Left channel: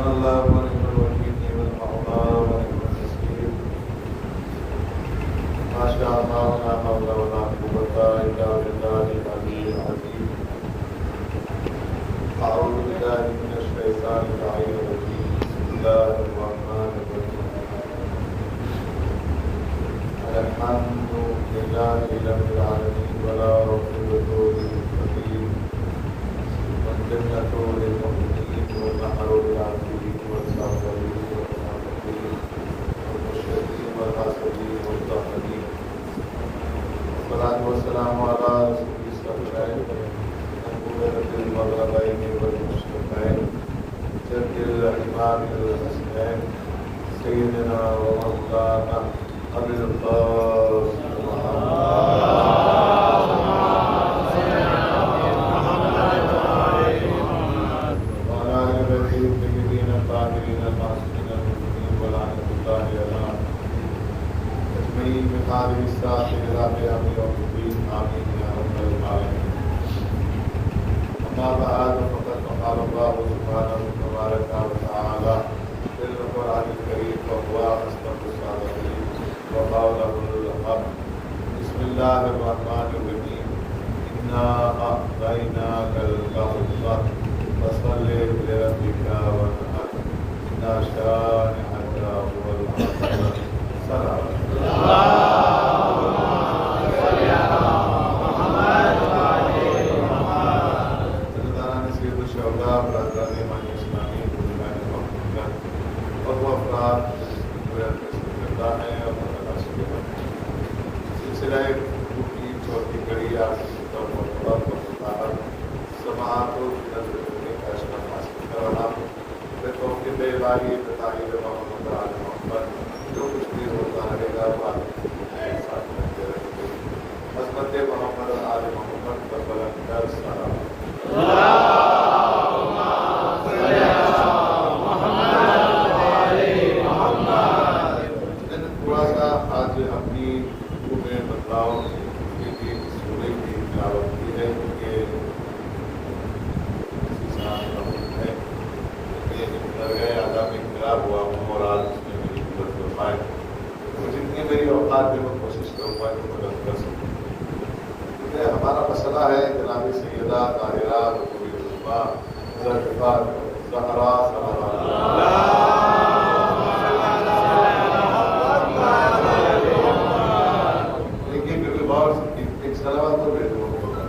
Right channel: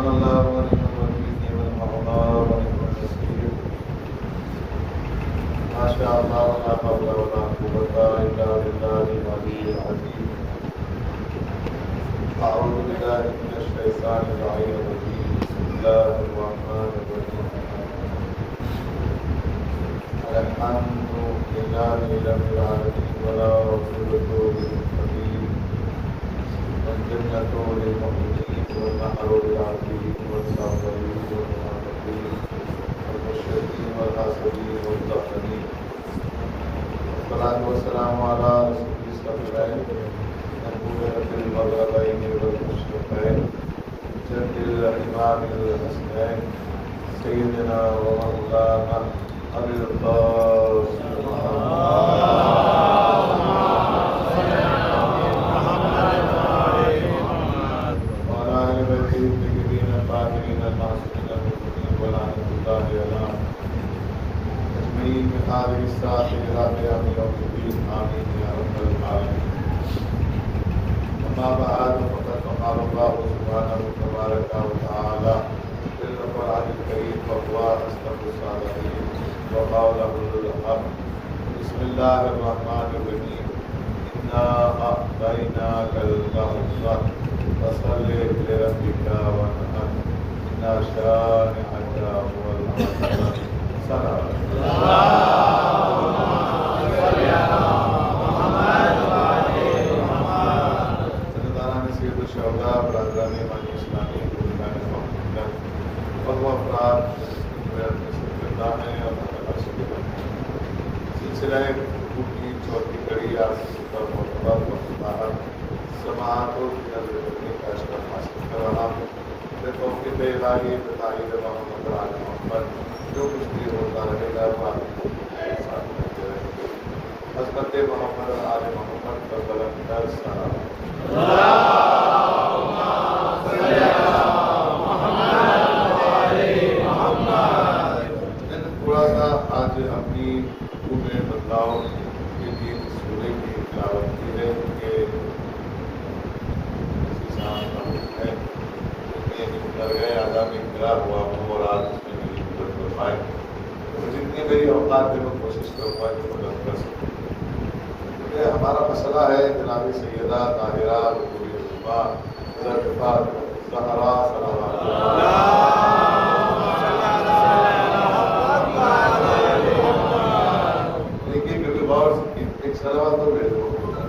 حسبنا الله ونعم الوكيل نعم المولى ونعم النصير ما شاء الله لا حول ولا قوة إلا بالله العلي العظيم أعوذ بالله من الشيطان اللعين الرجيم بسم الله الرحمن الرحيم الحمد لله رب العالمين ولا رسوله للمتقين والجنة للمؤمنين والنهر للعابدين والصابرين والمتقين والمشركين والحاسدين والطاهرين والصلاة والسلام على رسول الصالحين نبوة الغربين والمشركين جد الإمام الحسنين سيدنا ومولانا أبي القاسم بحاله الساعة إلى قيام يوم الدين آمين يا رب العالمين. أما بعد فقد قال الله سبحانه تبارك وتعالى في القرآن الكريم وهو أصدق الصادقين وقوله الحق. بسم الله الرحمن الرحيم إنا أعطيناك الكوثر فصل لربك وانحر إن شانئك هو الأبتر. سلام جو کچھ بھی ہوتا رہے گا حضرت محمد آل محمد پر بلند سلام. تھوڑا سا آج اپنی پورے بدلاؤ کے لیے سورے کی تلاوت کی ہے کہ درگاہ آدھا میں انقلاب ہوا اور آج جتنی میری اوقات میں وہ کوشش کروں گا کہ مدد کر سکوں. کیونکہ ہمارا مسئلہ ہے جناب سیدہ طاہرہ رسول اللہ حضرت زہرا سلام لیکن کیونکہ بہت ایک سلام تو بے دور ہوگا.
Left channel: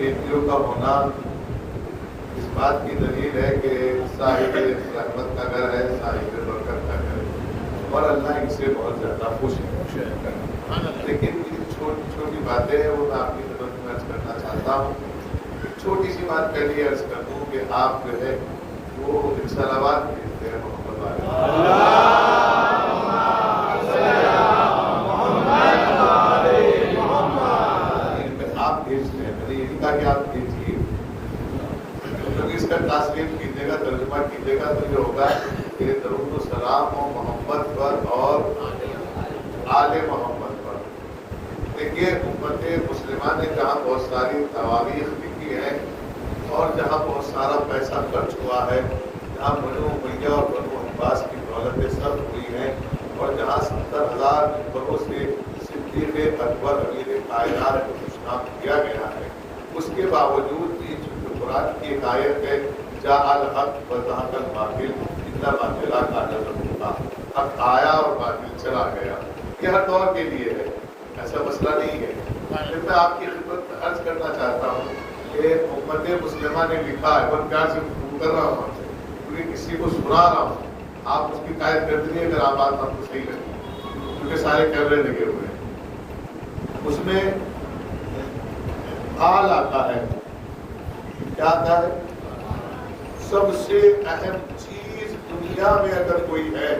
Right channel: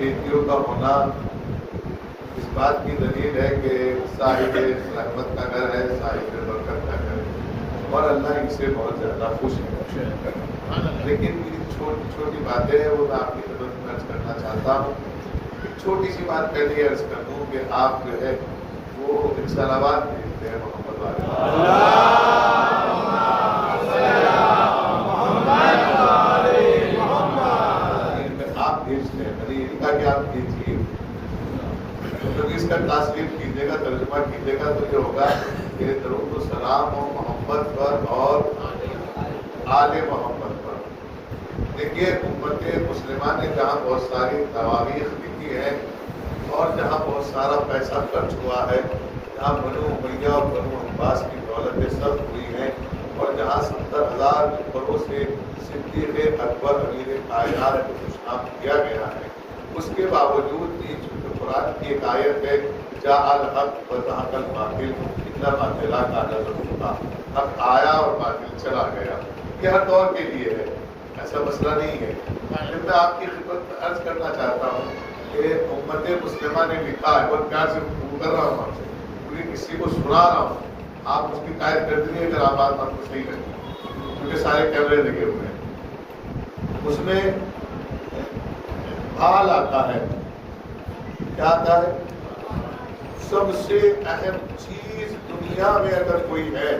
بیٹیوں کا ہونا اس بات کی دلیل ہے کہ صاحب رحمت کا گھر ہے, صاحب برکت کا گھر ہے اور اللہ ان سے بہت زیادہ خوش ہے. لیکن چھوٹی چھوٹی باتیں ہیں وہ آپ کی خدمت میں عرض کرنا چاہتا ہوں. ایک چھوٹی سی بات پہلے عرض کر دوں کہ آپ جو ہے وہ صلوات بھیجتے ہیں محمد والے آپ بھیجتے ہیں. میں نے یہی کہا کہ آپ بھیجیے. اس کا تاثیر کیجیے گا, ترجمہ کیجیے گا تو یہ ہوگا کہ درود و سلام محمد پر اور آل محمد پر. دیکھیے امت مسلمہ نے جہاں بہت ساری تواریخ لکھی ہے اور جہاں بہت سارا پیسہ خرچ ہوا ہے, جہاں بنو امیہ اور بنو عباس کی دولتیں سب ہوئی ہیں اور جہاں 70,000 بروں سے صدیق اکبر امیر کائنات کو خوشنام کیا گیا ہے, اس کے باوجود بھی قرآن کی ایک آیت ہے جاء الحق وزهق الباطل ان الباطل کان زهوقا. اب آیا اور باطل چلا گیا. یہ ہر دور کے لیے ہے, ایسا مسئلہ نہیں ہے. میں آپ کی خدمت میں عرض کرنا چاہتا ہوں کہ امت مسلمہ نے لکھا ہے اور پیار سے کر رہا ہوں, کسی کو سنا رہا ہوں. آپ اس کی تائید کر دیجیے اگر آپ بات آپ کو صحیح لگے، کیونکہ سارے کیمرے لگے ہوئے ہیں۔ اس میں حال آتا ہے، کیا آتا ہے؟ سب سے اہم چیز دنیا میں اگر کوئی ہے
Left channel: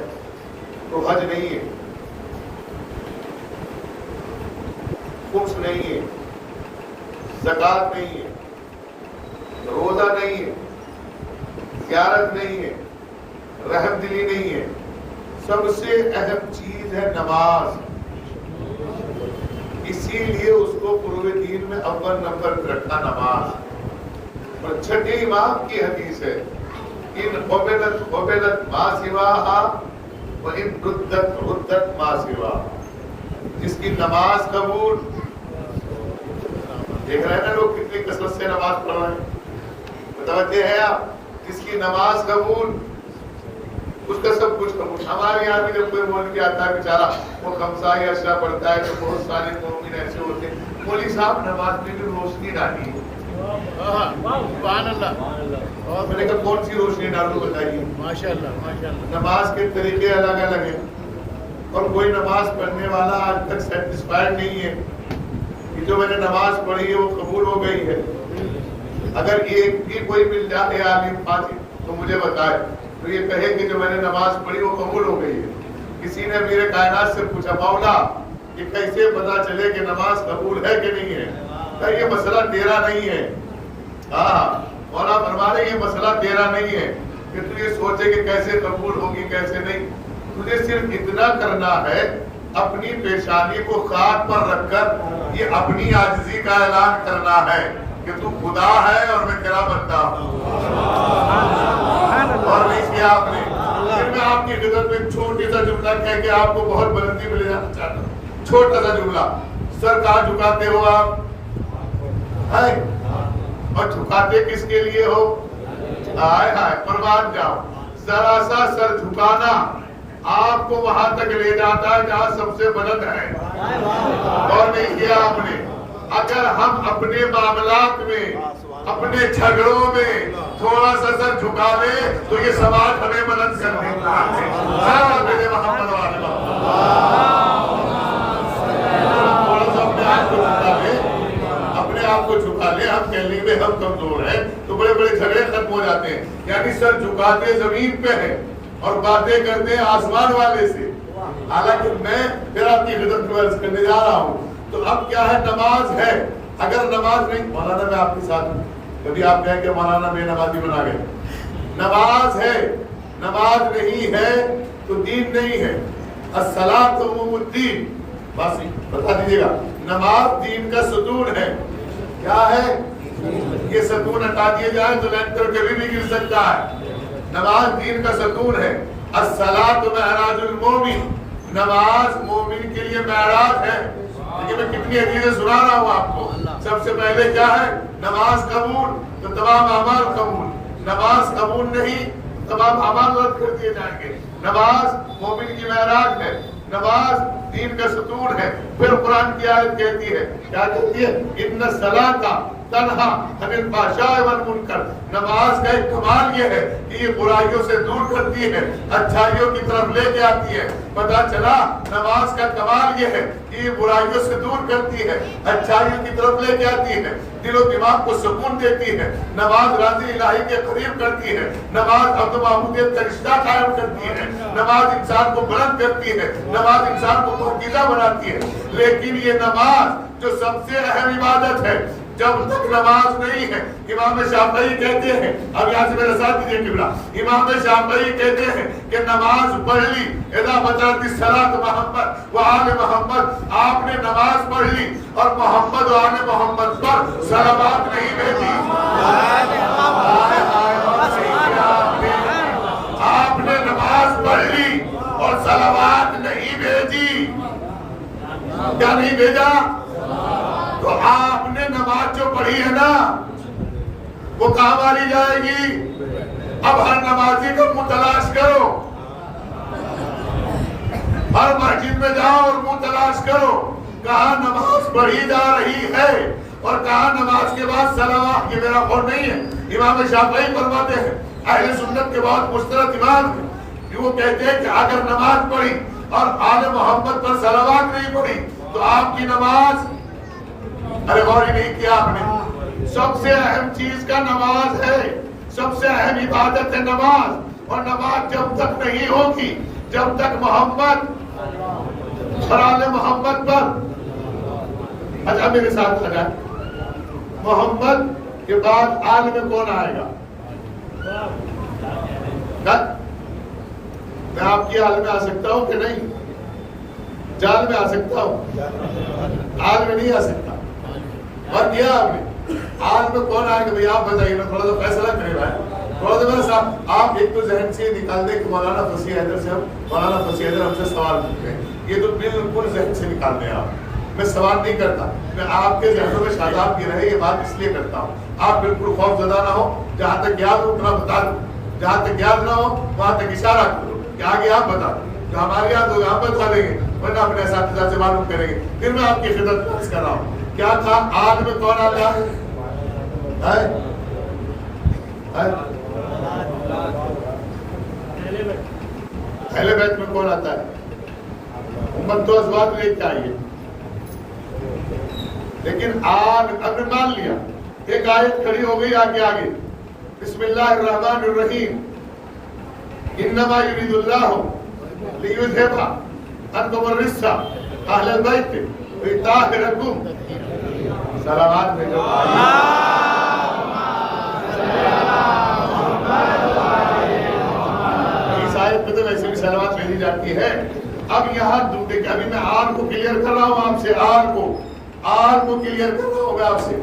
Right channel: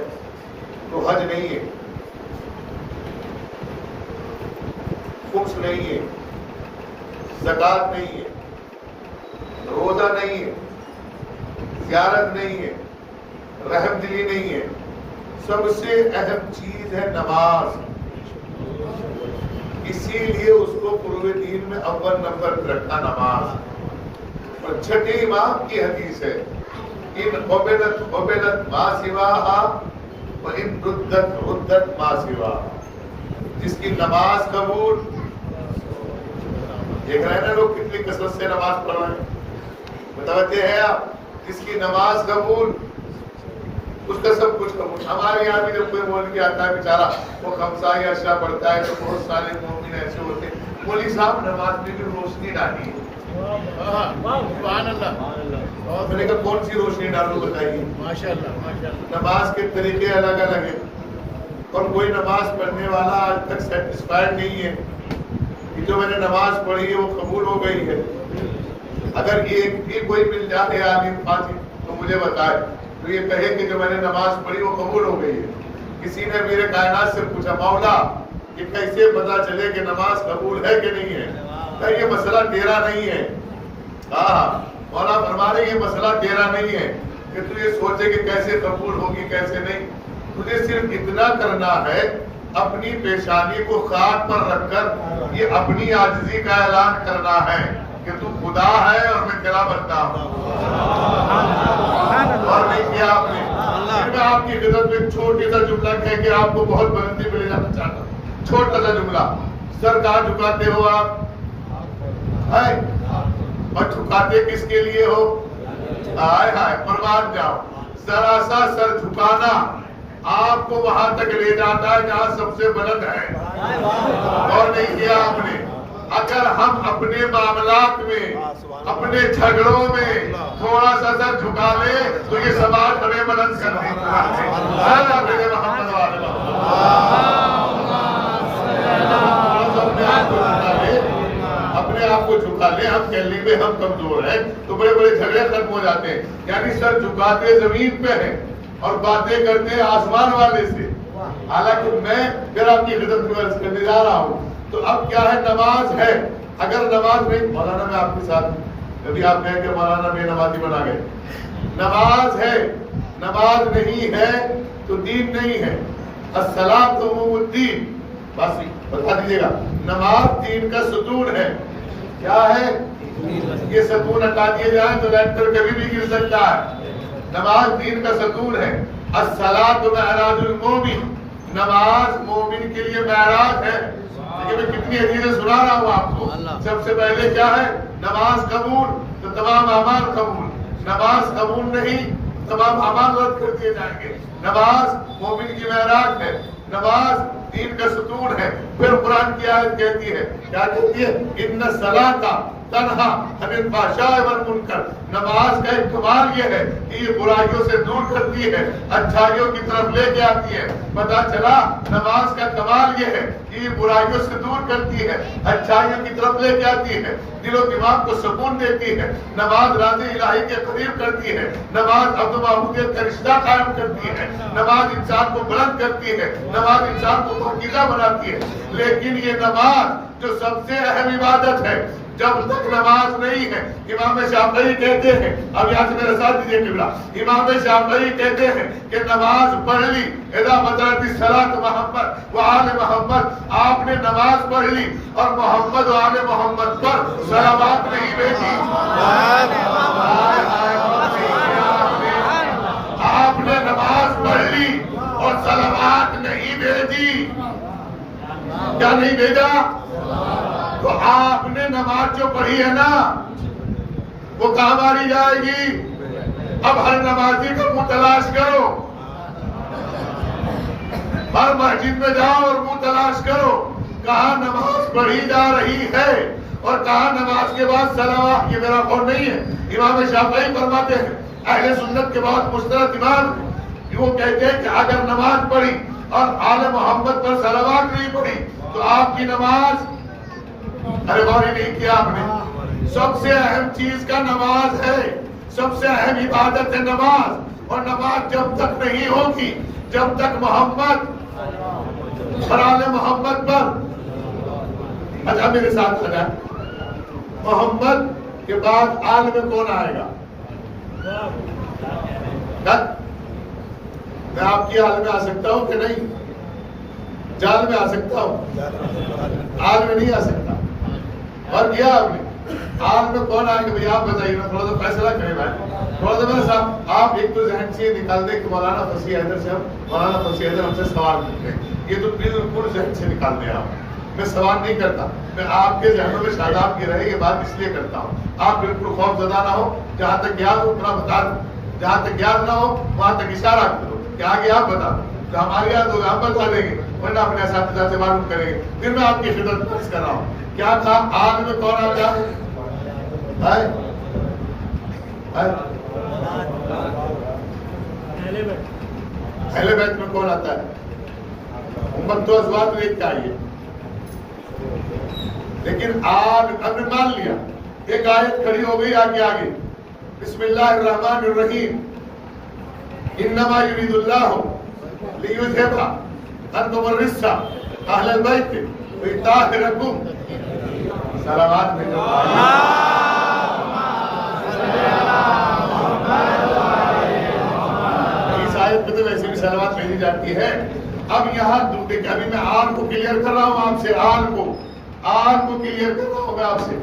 تو حج نہیں ہے، خمس نہیں ہے، زکات نہیں ہے، روزہ نہیں ہے، زیارت نہیں ہے، رحم دلی نہیں ہے، سب سے اہم چیز ہے نماز۔ اسی لیے اس کو پورے دین میں اول نمبر پہ رکھا نماز۔ اور چھٹے امام کی حدیث ہے، ان قبلت ما سواہا وان ردت ما سواہا، جس کی نماز قبول، دیکھ رہے ہیں نا لوگ کتنی کثرت سے نماز پڑھ رہے ہیں، متوجہ ہے آپ؟ جس کی نماز قبول اس کا سب کچھ قبول۔ ہمارے یہاں بھی جب کوئی مولوی آتا ہے بیچارہ وہ خمسہ یا عشرہ پڑھتا ہے تو بہت سارے مومن ایسے ہوتے ہیں، مولوی صاحب نماز میں بھی روشنی ڈالی ہے، سبحان اللہ، اور میں نے کہا کون سی روشنی ڈالو بتائیے؟ ماشاء اللہ، نماز کے طریقے الگ الگ ہیں، اور کوئی نماز پڑھنے والا آج تک سیٹسفائڈ نہیں ہے کہ جو میں نے نماز پڑھی ہے وہ قبول ہو گئی ہے۔ اگر یہ بھی کوئی مل جائے عالم فاضل تو مجھے بتائے، تو یہ کہے کہ جو میں نے نماز پڑھی وہ قبول ہو گئی ہے۔ کسی نے میرے کائنات سے پوچھا مولا کہ کیسے پتا چلے کہ نماز قبول ہے کہ نہیں ہے؟ کہ یہ مسئلہ تیرا نہیں ہے۔ مولا فرما رہے یہ مسئلہ تیرا نہیں ہے کہ تو یہ سوچے کہ کیسے قبول ہوگی کیسے نہیں، تجھے صرف اتنا کرنا ہے، اپنی پیشانی کو خاک پر رکھ کر یہ اپنی عاجزی کا اعلان کرنا ہے کہ تو خدا ہے اور میں تیرا بندہ ہوں، اور نہیں کیا آپ نے۔ پھر میں آپ کی خدمت میں ایک چھوٹی سا جملہ کہہ کے آپ کو بہت بلندی میں لے جانا چاہتا ہوں، چھوٹا سا جملہ۔ سر کہاں جھکاتے ہو آپ؟ اور جھکاتے کس کے لیے ہو؟ ہائے ہائے قربان جاؤ، ذرا سا سر جھکانا آپ کو وہاں تک لے جاتا ہے جہاں سب سے بلند ہے، اور نہیں کیا آپ نے۔ اگر ہم اپنے معاملات میں، اپنے جھگڑوں میں تھوڑا سا سر جھکا لیں تو یہ سماج ہمیں بلند کر دیتا ہے۔ میرے محمد والے اپنے آپ کو جھکا لیں، ہم کہہ لیں ہم کمزور ہیں تو بڑے بڑے جھگڑے ختم ہو جاتے ہیں۔ یعنی سر جھکاتے زمین پہ ہیں اور باتیں کرتے ہیں آسمان والے سے۔ حالانکہ میں پھر آپ کی خدمت میں عرض کرنے جا رہا ہوں، تو اب کیا ہے؟ نماز ہے۔ اگر نماز نہیں، مولانا میں آپ کے ساتھ ہوں، کبھی آپ کہیں کہ مولانا بے نمازی بنا گئے، نماز ہے، نماز نہیں ہے تو دین نہیں ہے۔ الصلاۃ عموم الدین، بس بتا دیجیے گا، نماز دین کا ستون ہے۔ کیا ہے؟ یہ ستون ہٹا دیے جائیں تو لیکٹر کبھی بھی گر سکتا ہے۔ نماز دین کا ستون ہے۔ الصلاۃ معراج المومن، نماز مومن کے لیے معراج ہے۔ دیکھیں میں کتنی حدیثیں سنا رہا ہوں آپ کو۔ سب سے پہلے کیا ہے؟ نماز قبول تو تمام اعمال قبول، نماز قبول نہیں تمام اعمال رد کر دیے جائیں گے۔ نماز مومن کی معراج ہے، نماز دین کا ستون ہے۔ پھر قرآن کی آیت کہتی ہے، کیا کہتی ہے؟ ان الصلاۃ تنہا عن الفحشاء والمنکر، نماز کا ایک کمال یہ ہے کہ یہ برائیوں سے دور کرتی ہے، اچھائیوں کی طرف لے کے آتی ہے۔ پتہ چلا نماز کا کمال یہ ہے کہ یہ برائیوں سے دور کرتی ہے، اچھائیوں کی طرف لے کے آتی ہے، دل و دماغ کو سکون دیتی ہے۔ نماز راضی الہی کے قریب کرتی ہے، نماز عبد و معبودیت کا رشتہ قائم کرتی ہے، نماز انسان کو بلند کرتی ہے، نماز انسان کو پاکیزہ بناتی ہے۔ لیکن یہ نماز جو سب سے اہم عبادت ہے، جب تک نماز نہیں ہے، امام شافعی کہتے ہیں، اب یہاں سے میرا ساتھ دیجیے قبلہ، امام شافعی کہتے ہیں کہ نماز پڑھ لی، اذا بدرت الصلاۃ محمد و آل محمد، آپ نے نماز پڑھ لی اور محمد و آل محمد پر صلوات نہیں بھیجی، آپ نے نماز پڑھ لی اور صلوات نہیں بھیجی، کیا نہیں بھیجا؟ تو آپ نے نماز جو پڑھی ہے نا وہ کہاں ماری جائے گی؟ اب ہر نمازی کو منہ تلاش کرو، ہر مسجد میں جاؤ اور منہ تلاش کرو کہاں نماز پڑھی جا رہی ہے اور کہاں نماز کے بعد صلوات۔ یہ میرا قول نہیں ہے، امام شافعی فرماتے ہیں، اہل سنت کے بہت مشترک امام وہ کہتے ہیں کہ اگر نماز پڑھی اور آل محمد پر صلوات نہیں پڑھی تو آپ کی نماز، ارے غور ہی نہیں کیا آپ نے، سب سے اہم چیز کا نماز ہے، سب سے اہم عبادت ہے نماز، اور نماز جب تک نہیں ہوگی جب تک محمد اور آل محمد پر، اچھا میرے ساتھ لگا، محمد کے بعد آل میں کون آئے گا؟ میں آپ کی آل میں آ سکتا ہوں کہ نہیں؟ جال میں آ سکتا ہوں، آل میں نہیں آ سکتا۔ اور کیا آپ نے آل میں کون آئے گا بھئی آپ بتائیے نا، تھوڑا سا فیصلہ کریں بھائی، تھوڑا سا میرے صاحب آپ ایک تو ذہن سے نکال دیں کہ مولانا فصیح حیدر سے ہم سے سوال کرتے ہیں، یہ تو بالکل ذہن سے نکال دیں آپ، میں سوال نہیں کرتا، میں آپ کے ذہنوں میں شاداب کی رہے یہ بات اس لیے کرتا ہوں، آپ بالکل خوف زدہ نہ ہو، جہاں تک یاد ہو اتنا بتا دوں، جہاں تک یاد نہ ہو وہاں تک اشارہ کرو کہ آگے آپ بتا دو، جو ہماری یاد ہوگا ہم بتا دیں گے، ورنہ اپنے اساتذہ سے معلوم کریں گے، پھر میں آپ کی خدمت پیش کر رہا ہوں۔ کیا تھا آج میں کون آتا ہے؟ پہلے بیت میں کون آتا ہے؟ امت تو ازواج میں ایک چاہیے، لیکن آج ہم نے مان لیا، ایک آیت کھڑی ہو گئی آگے بسم اللہ الرحمن الرحیم، انما یرید اللہ لیذھب عنکم الرجس اہل البیت ویطہرکم، صلوات میں جو اس آیت میں تو ویسے بھی صلوات بھیجی جاتی ہے۔ اب یہاں ابھی میں آر کو کلیئر کر رہا ہوں آپ سے، آر کو کلیئر کر رہا ہوں میں آپ سے۔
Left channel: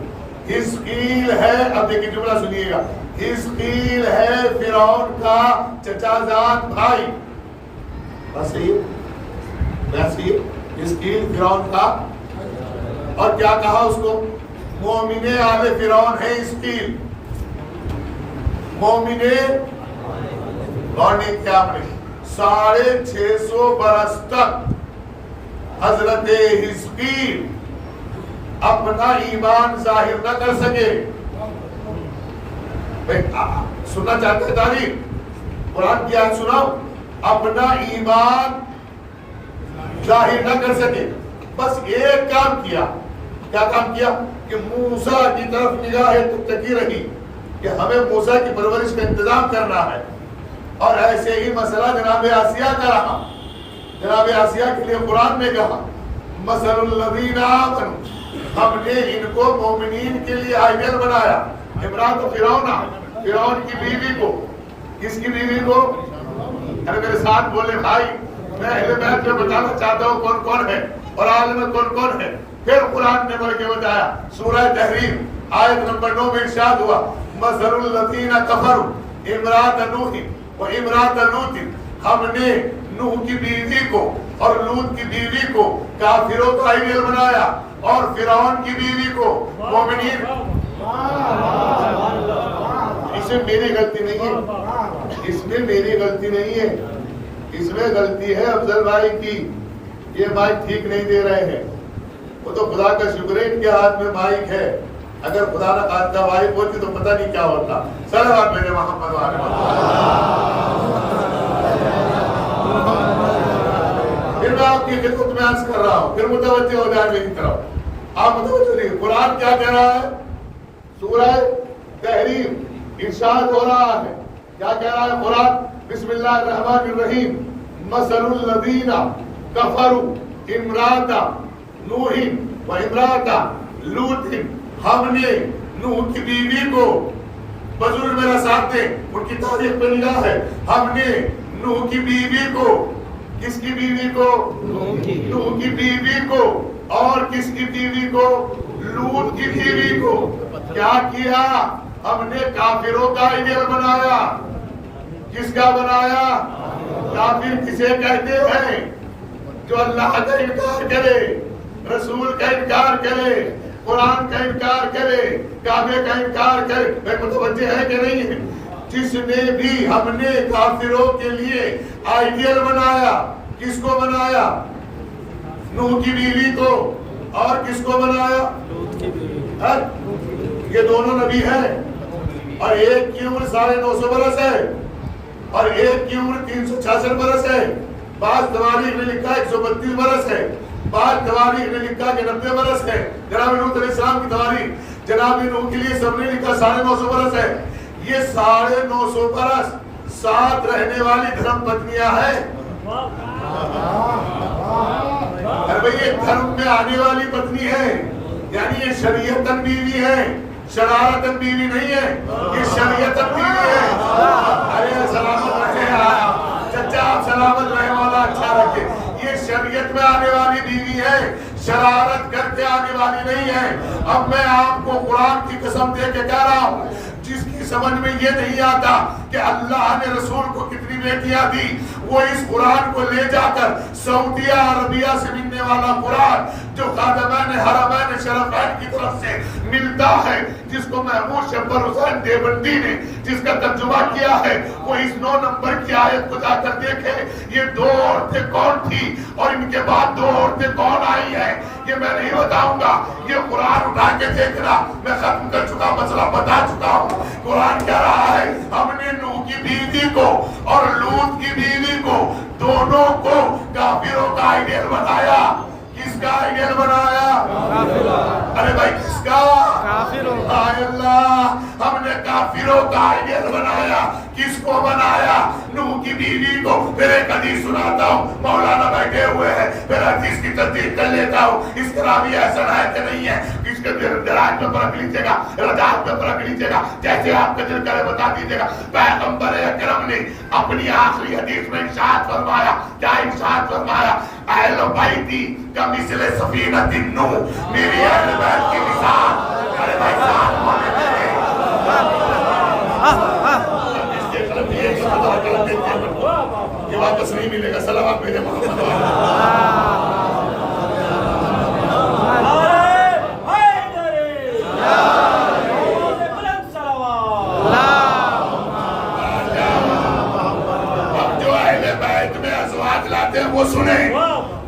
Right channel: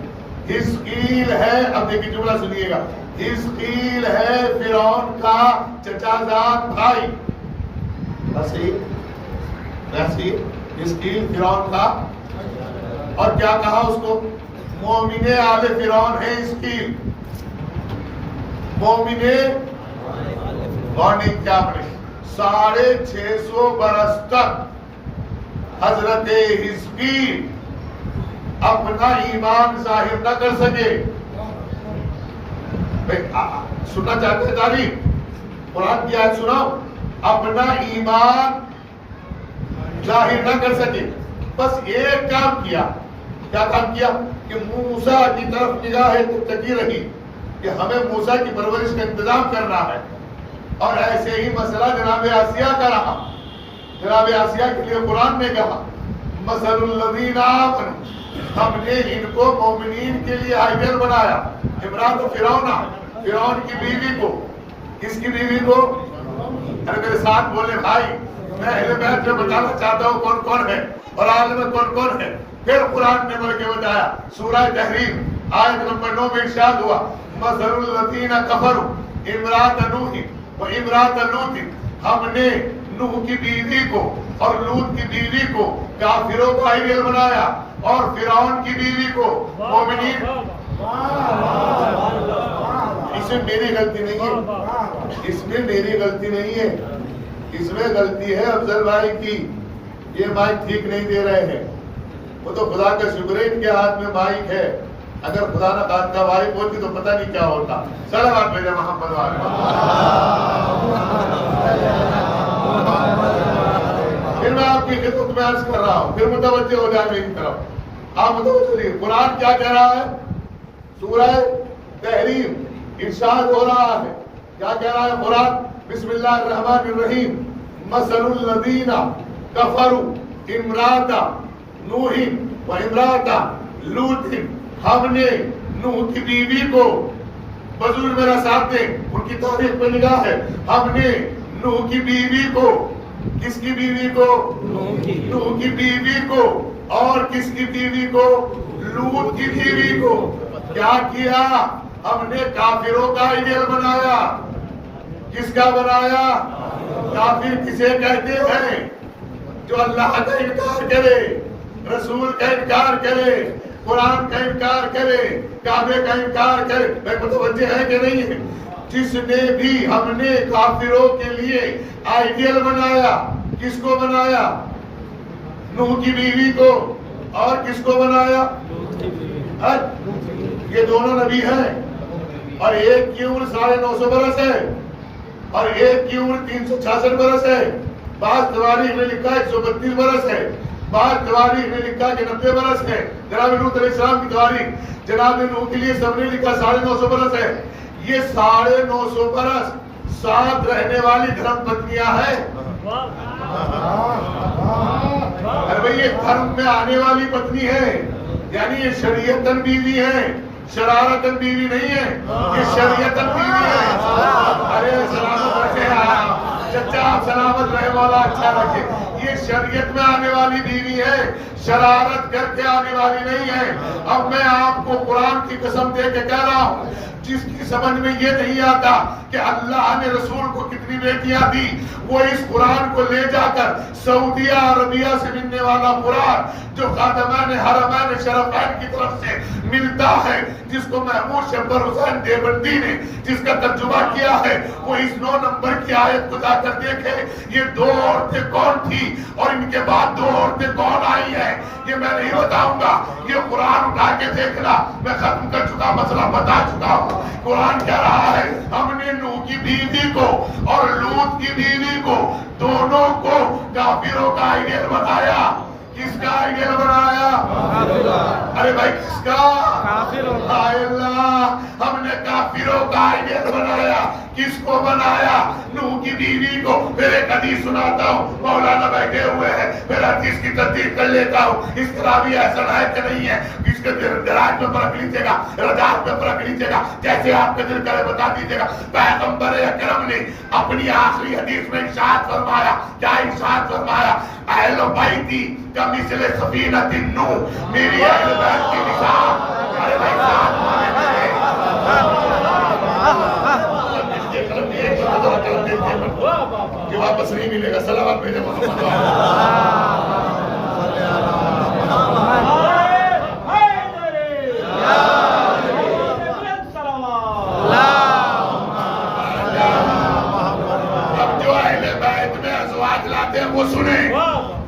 حزقیل ہے، اب دیکھیں جملہ سنیے گا، حزقیل ہے فرعون کا چچا زاد بھائی، بس حزقیل فرعون کا، اور کیا کہا اس کو؟ مومن آل فرعون ہے حزقیل، مومن، اور نہیں کیا اپنے 650 برس تک حضرت حزقیل اپنا ایمان ظاہر نہ کر سکے۔ سننا چاہتے ہیں تاریخ؟ قرآن کی آیت سناؤ، اپنا ایمان ظاہر نہ کر سکے، بس ایک کام کیا، کیا کام کیا؟ کہ موسیٰ کی طرف نگاہ تکی رہی کہ ہمیں موسیٰ کی پرورش کا انتظام کرنا ہے، اور ایسے ہی مسئلہ جناب آسیہ کا رہا۔ جناب آسیہ کے لیے قرآن نے کہا مثل الذین آمنوا، ہم نے ان کو مومنین کے لیے آئیڈیل بنایا۔ امرات فرعون کی بیوی کو، کس کی بیوی کو؟ ارے میرے ساتھ بولے بھائی، میں اہل بیت میں بتانا چاہتا ہوں کون کون ہے اور عالم میں کون کون ہے۔ پھر قرآن نے بڑھ کے بتایا، سورہ تحریم آیت نمبر 9 میں ارشاد ہوا مثل الذین کفروا امرات نوح و امرات لوط، ہم نے نوح کی بیوی کو اور لوط کی بیوی کو کافروں کا آئیڈیل بنایا، اور فرعون کی بیوی کو مومنین۔ اس میں میری غلطی نہیں ہے، اس میں میری غلطی نہیں ہے، اس میں غلطی ہے افضل بھائی کی، یہ مائک ٹھیک نہیں دے رہے ہیں۔ وہ تو خدا کا شکر ہے ان کے ہاتھ میں مائک ہے، اگر خدا نہ خواستہ مائک ہوتی تو پتہ نہیں کیا ہوتا۔ صلوات میرے محمد والے۔ پھر میں آپ کی خدمت میں عرض کر رہا ہوں، پھر متوجہ ہو جائے میری طرف، آپ متوجہ رہیے۔ قرآن کیا کہہ رہا ہے؟ سورہ تحریم ارشاد ہو رہا ہے، کیا کہہ رہا ہے قرآن؟ بسم اللہ الرحمن الرحیم، مثل الذین کفروا امرات نوح و امرات لوط، ہم نے نوح کی بیوی کو، بزرگ میرا ساتھ دیں، ان کی تاریخ پہ نگاہ ہے، ہم نے نوح کی بیوی کو، کس کی بیوی کو؟ نوح کی بیوی کو، اور کس کی بیوی کو؟ لوط کی بیوی کو کیا کیا؟ ہم نے کافروں کا آئیڈیل بنایا۔ کس کا بنایا؟ کافر کسے کہتے ہیں؟ جو اللہ کا انکار کرے، رسول کا انکار کرے، قرآن کا انکار کرے، کعبے کا انکار کرے۔ میں متوجہ ہے کہ نہیں ہے؟ جس نے بھی ہم نے کافروں کے لیے آئیڈیل بنایا، کس کو بنایا؟ نوح کی بیوی کو، اور کس کو بنایا؟ لوط کی بیوی۔ یہ دونوں نبی ہیں، اور ایک کی عمر 950 برس ہے، اور ایک کی عمر 366 برس ہے، بعض تواریخ نے لکھا 132 برس ہے، بعض تواریخ نے لکھا کہ 90 برس ہے۔ جناب نوح علیہ السلام کی تواریخ، جناب نوح کے لیے سب نے لکھا 950 برس ہے۔ یہ 950 برس ساتھ رہنے والی دھرم پتنیاں ہیں۔ ارے یہ دھرم میں آنے والی پتنی ہے، یعنی یہ شریعتاً بیوی ہے، شرارتاً بیوی نہیں ہے، یہ شریعتاً بیوی ہے۔ ارے سلامت رکھے آپ چچا، آپ سلامت رہے، مولا اچھا رکھے۔ یہ شریعت میں آنے والی بیوی ہے، شرارت کر کے آنے والی نہیں ہے۔ اب میں آپ کو قرآن کی قسم دے کے کہہ رہا ہوں، جس کی سمجھ میں یہ نہیں آتا کہ اللہ نے رسول کو کتنی بیٹیاں دی، وہ اس قرآن کو لے جا کر سعودیہ عربیہ سے ملنے والا قرآن جو خادمان حرمین شرفین کی طرف سے ملتا ہے، جس کو محمود شمبر حسین دیوبندی نے جس کا ترجمہ کیا ہے، وہ اس 9 نمبر کی آیت کو جا کر دیکھے یہ 2 عورتیں کون تھی اور ان کے بعد 2 عورتیں کون آئی ہیں، یہ میں نہیں بتاؤں گا، یہ قرآن اٹھا کے دیکھنا۔ میں ختم کر چکا، مسئلہ بتا چکا ہوں۔ قرآن کہہ رہا ہے ہم نے نوح کی بیوی کو اور لوط کی بیوی کو، دونوں کو کافروں کا آئیڈیل بنایا۔ کس کا آئیڈیل بنایا؟ کافروں کا۔ ارے بھائی کس کا؟ کافروں کا۔ اللہ، ہم نے کافروں کا آئیڈیل بنایا۔ کس کو بنایا؟ نوح کی بیوی کو۔ پھر ایک حدیث سناتا ہوں، مولانا بیٹھے ہوئے ہیں، پھر حدیث کی تصدیق کر لیتا ہوں، اس کا راوی ایسا ہے کہ نہیں ہے، اس کے دراج میں فرق لیجیے گا، رجاعت میں فرق لیجیے گا، جیسے آپ کا دل کرے بتا دیجیے گا۔ پیغمبر اکرم نے اپنی آخری حدیث میں ارشاد فرمایا، کیا ارشاد فرمایا؟ اہل بیتی کمثل سفینۃ نوح، میری اہل بیت کی مثال۔ ارے بھائی صاحب ہونے میں یہ واپس نہیں ملے گا۔ صلوات بھیجے محمد۔ اب جو اہل بیت میں ازواج لاتے ہیں وہ سنیں،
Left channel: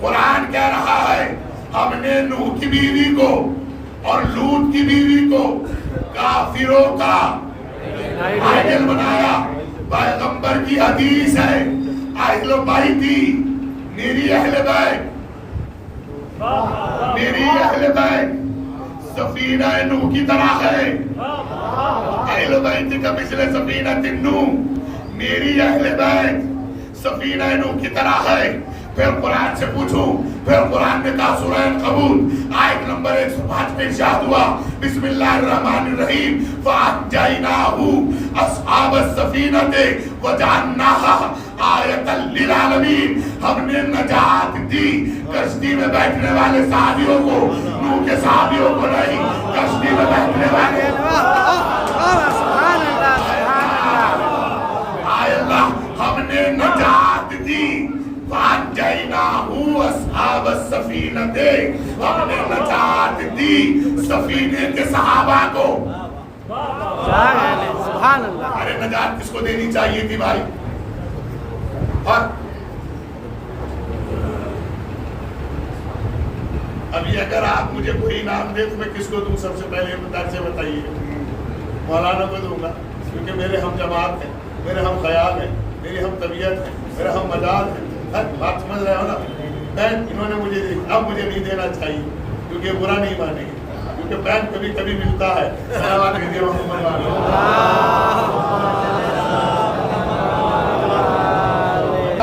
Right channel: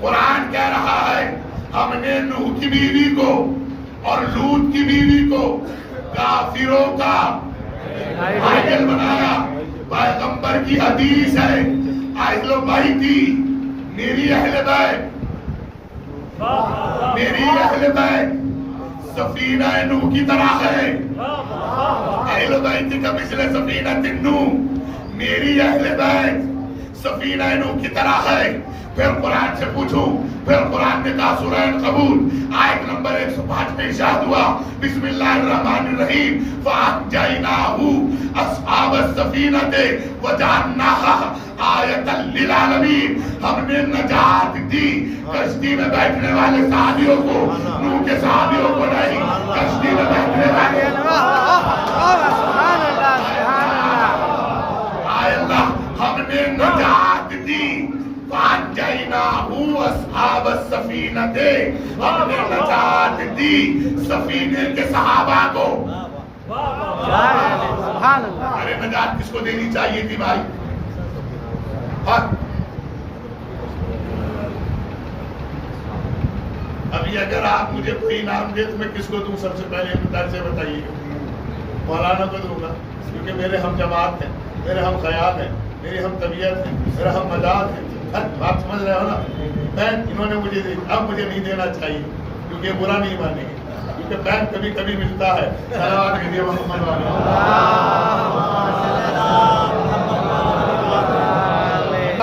قرآن کہہ رہا ہے ہم نے نوح کی بیوی کو اور لوط کی بیوی کو کافروں کا آئیڈیل بنایا۔ پیغمبر کی حدیث ہے، اہل بیتی، میری اہل بیت، میری اہل بیت سفینہ نوح کی طرح ہے۔ اہل بیت کا مثل سفینہ نوح، میری اہل بیت سفینہ نوح کی طرح ہے۔ پھر قرآن سے پوچھوں، پھر قرآن نے کہا سورہ العنکبوت آیت نمبر 105 میں ارشاد ہوا، بسم اللہ الرحمن الرحیم، فَأَنْجَيْنَاهُ أَصْحَابَ السَّفِينَةِ وَجَعَلْنَاهَا آیَةً لِلْعَالَمِينَ، ہم نے نجات دی کشتی میں بیٹھنے والے صحابیوں کو، نوح کے صحابیوں کو نہیں، کشتی میں بیٹھنے والے۔ سبحان اللہ، سبحان اللہ، آئے اللہ، ہم نے نجات دی۔ فَأَنْجَيْنَاهُ أَصْحَابَ السَّفِينَةِ، ہم نے نجات دی سفینے کے صحابہ کو۔ سبحان اللہ۔ ارے نجات کس کو دینی چاہیے تھی بھائی؟ ابھی اگر آپ مجھے کوئی انعام دے تو میں کس کو دوں؟ سب سے پہلے درد سے بتائیے گا۔ مولانا کو دوں گا کیونکہ میرے ہم جماعت ہیں، میرے ہم خیال ہیں، میری ہم طبیعت ہے، میرا ہم مزاج ہے۔ بات سمجھ رہے ہو نا؟ بینک انہوں نے مجھے دی، اب مجھے نہیں دینا چاہیے کیونکہ برا نہیں مانیں گے، کیونکہ بینک کبھی کبھی ملتا ہے۔ صلوات کہیے محمد والے۔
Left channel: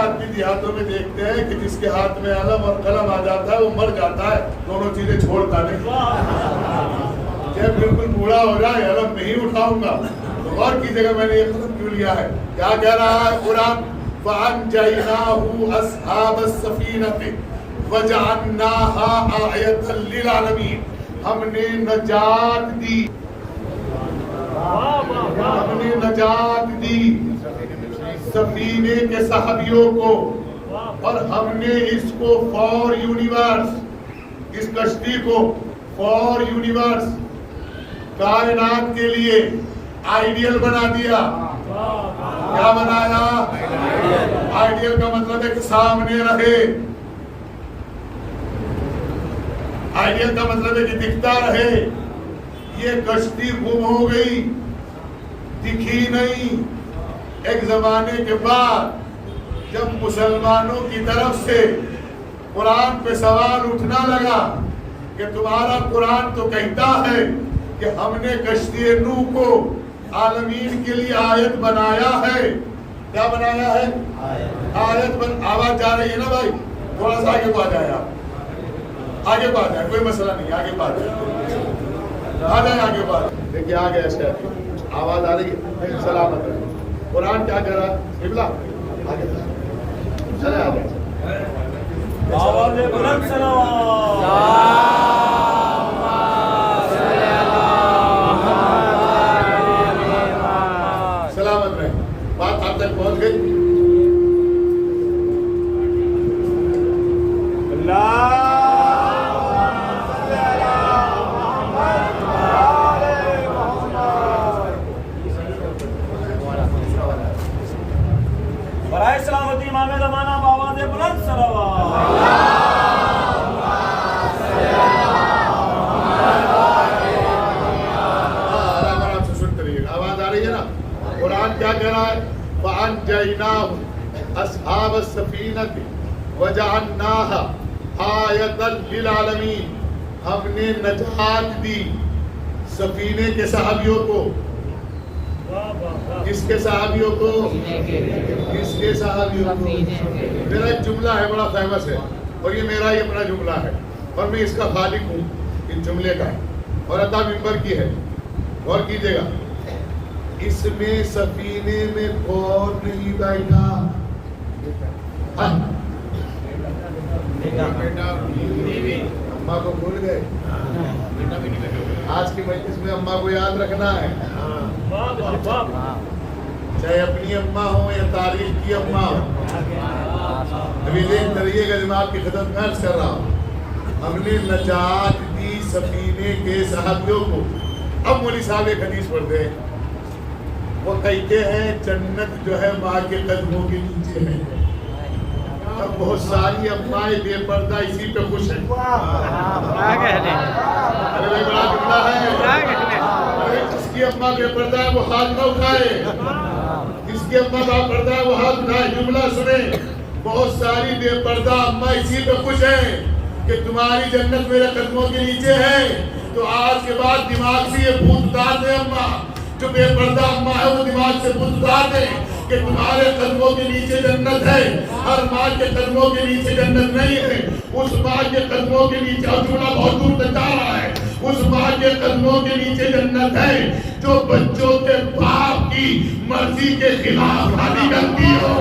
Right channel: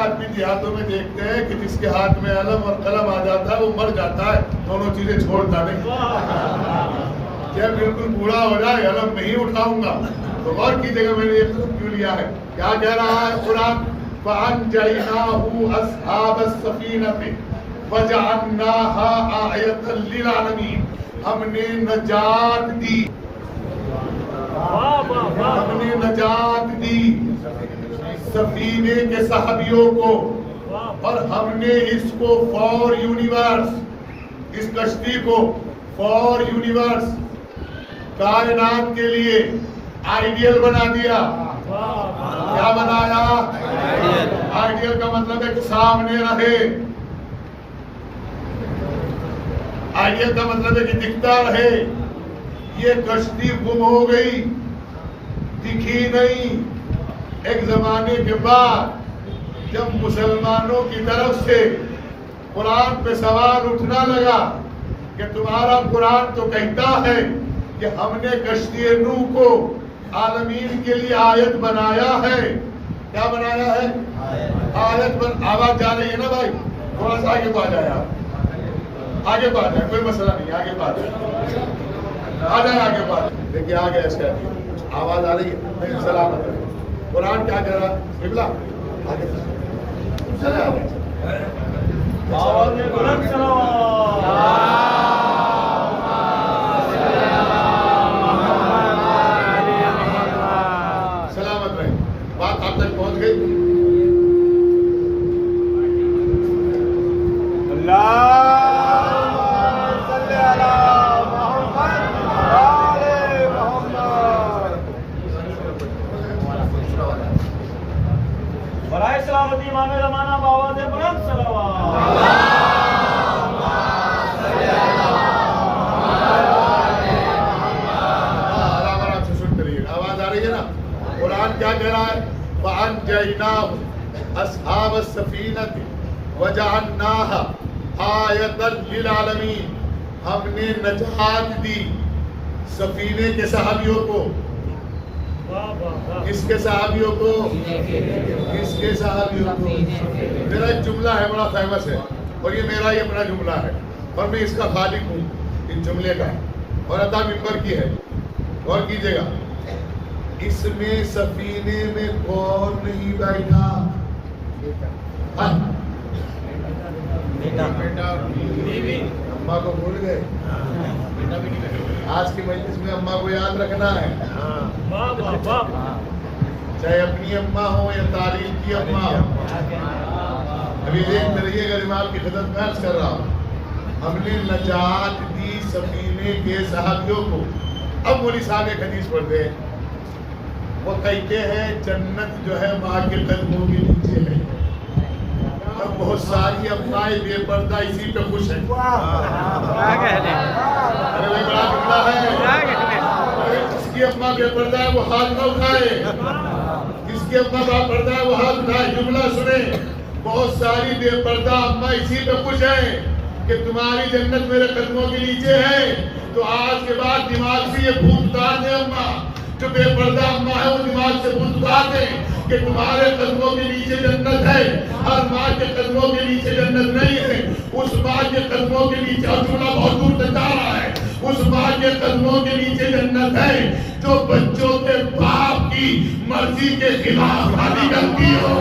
آدمی دیہاتوں میں دیکھتے ہیں کہ جس کے ہاتھ میں علم اور قلم آ جاتا ہے وہ مر جاتا ہے، دونوں چیزیں چھوڑتا نہیں۔ جب بالکل بوڑھا ہو جائے علم نہیں اٹھاؤں گا، تو غور کیجیے گا میں نے یہ قلم کیوں لیا ہے۔ کیا کہہ رہا ہے قرآن؟ فَأَنْجَيْنَاهُ أَصْحَابَ السَّفِينَةِ وَجَعَلْنَاهَا آیَةً لِلْعَالَمِينَ، ہم نے نجات دی، ہم نے نجات دی سفینے کے صحابیوں کو، اور ہم نے اس کو فار یونیورس، اس کشتی کو فار یونیورس، کائنات کے لیے آئیڈیل بنا دیا۔ کیا بنایا؟ آئیڈیل کا مطلب ہے کہ سامنے رہے، آئیڈیل کا مطلب ہے کہ دکھتا رہے۔ یہ کشتی گم ہو گئی، دکھی نہیں، ایک زمانے کے بعد جب مسلمانوں کی طرف سے قرآن پہ سوال اٹھنا لگا کہ تمہارا قرآن تو کہتا ہے کہ ہم نے کشتی نوح کو عالمین کے لیے آیت بنایا ہے. کیا بنایا ہے؟ آیت. آواز جا رہی ہے نا بھائی؟ تھوڑا سا آگے کو آ جائے. آپ آگے کو آ جائے, کوئی مسئلہ نہیں, آگے کو آ جائے, آ جائے آگے کو آ جائے. دیکھیے آ گیا ایسے آواز آ رہی ہے. سلامت رہے. قرآن کیا کہہ رہا ہے؟ قبلہ آگے چلے آ جائے. سلامت رہے. بات آپ تک پہنچ گئی. برائے سلامتی امام زمانہ بابا دے بلند صلوات. آرام سے سنتے رہیے. آواز آ رہی ہے نا؟ قرآن کیا کہہ رہا ہے؟ فَأَنْجَيْنَاهُ أَصْحَابَ السَّفِينَةِ وَجَعَلْنَاهَا آیَةً لِلْعَالَمِينَ. ہم نے نجات دی سفینے کے صحابیوں کو. کس کے صحابیوں کو؟ کس کے صحابیوں کو؟ میرا ایک جملہ ہے بڑا فیمس ہے, اور یہ میرا ہی اپنا جملہ ہے, اور میں اس کا خالق ہوں اس جملے کا, اور عطا ممبر کی ہے. غور کیجیے گا. اس میں سفینے میں کون نہیں بیٹھا؟ اماں کو بھول گئے؟ آج کی مجلس میں اماں کو یاد رکھنا ہے, چاہے اپنی اماں ہو یا تاریخ کی اماں ہو. ابھی دیکھتے رہیے گا, میں آپ کی خدمت میں عرض کر رہا ہوں. ہم نے نجات دی سفینے کے صحابیوں کو. اب مولوی صاحب ایک حدیث پڑھتے ہیں, وہ کہتے ہیں جنت جو ہے ماں کے قدموں کے نیچے ہے. اب بہت ساری امائیں بے پردہ اسی پہ خوش ہیں. ارے بھائی بڑا جملہ ہے. ارے جس کی اماں بے پردہ ہے وہ ہاتھ نہ اٹھائے, جس کی اماں با پردہ ہے وہ ہاتھ اٹھائے. جملہ سنیں, بہت ساری بے پردہ اماں اسی پہ خوش ہیں کہ تمہاری جنت میرے قدموں کے نیچے ہے. تو آج کے بعد دماغ سے یہ بھوت اتار دیں. اماں جو بے پردہ اماں ہے وہ دماغ سے بھوت اتار دیں کہ تمہارے قدموں کے نیچے جنت ہے. ہر ماں کے قدموں کے نیچے جنت نہیں ہے. اس ماں کے قدموں کے نیچے, اور جملہ بہت دور تک جا رہا ہے, اس ماں کے قدموں کے نیچے جنت ہے جو بچوں کے باپ کی مرضی کے خلاف شادی کرتی ہو.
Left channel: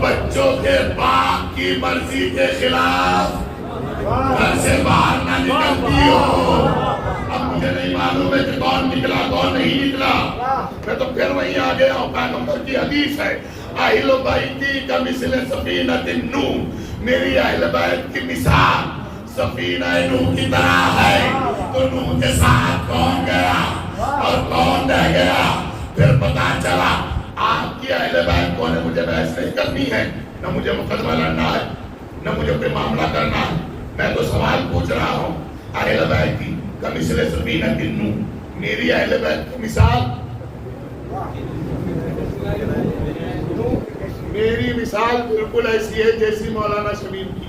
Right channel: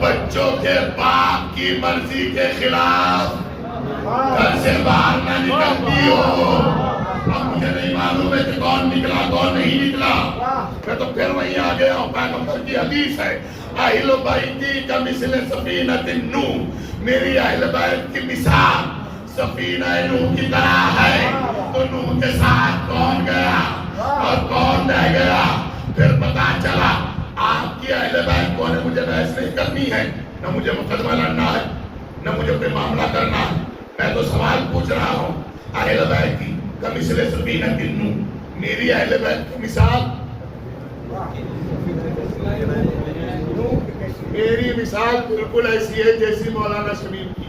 بچوں کے باپ کی مرضی کے خلاف گھر سے باہر نہ نکلتی ہو. اب مجھے نہیں معلوم ہے کہ کون نکلا کون نہیں نکلا, میں تو پھر وہیں آ گیا ہوں. پیغمبر کی حدیث ہے, اہل بیتی کمثل سفینۃ نوح, میری اہل بیت کی مثال سفینہ نوح کی طرح ہے. تو نوح کے ساتھ کون گیا اور کون رہ گیا؟ پھر پتا چلا آپ کی اہل بیت کو نے مجھے بحث نہیں کرنی ہے, نہ مجھے مقدمہ لڑنا ہے, نہ مجھے کوئی معاملہ کرنا ہے. میں تو سوال پوچھ رہا ہوں, اہل بیت کی کمثل سفینۃ نوح, میری اہل بیت کی مثال, میری مثال بالکل ایسی ہے جیسی مولانا شمیم کی.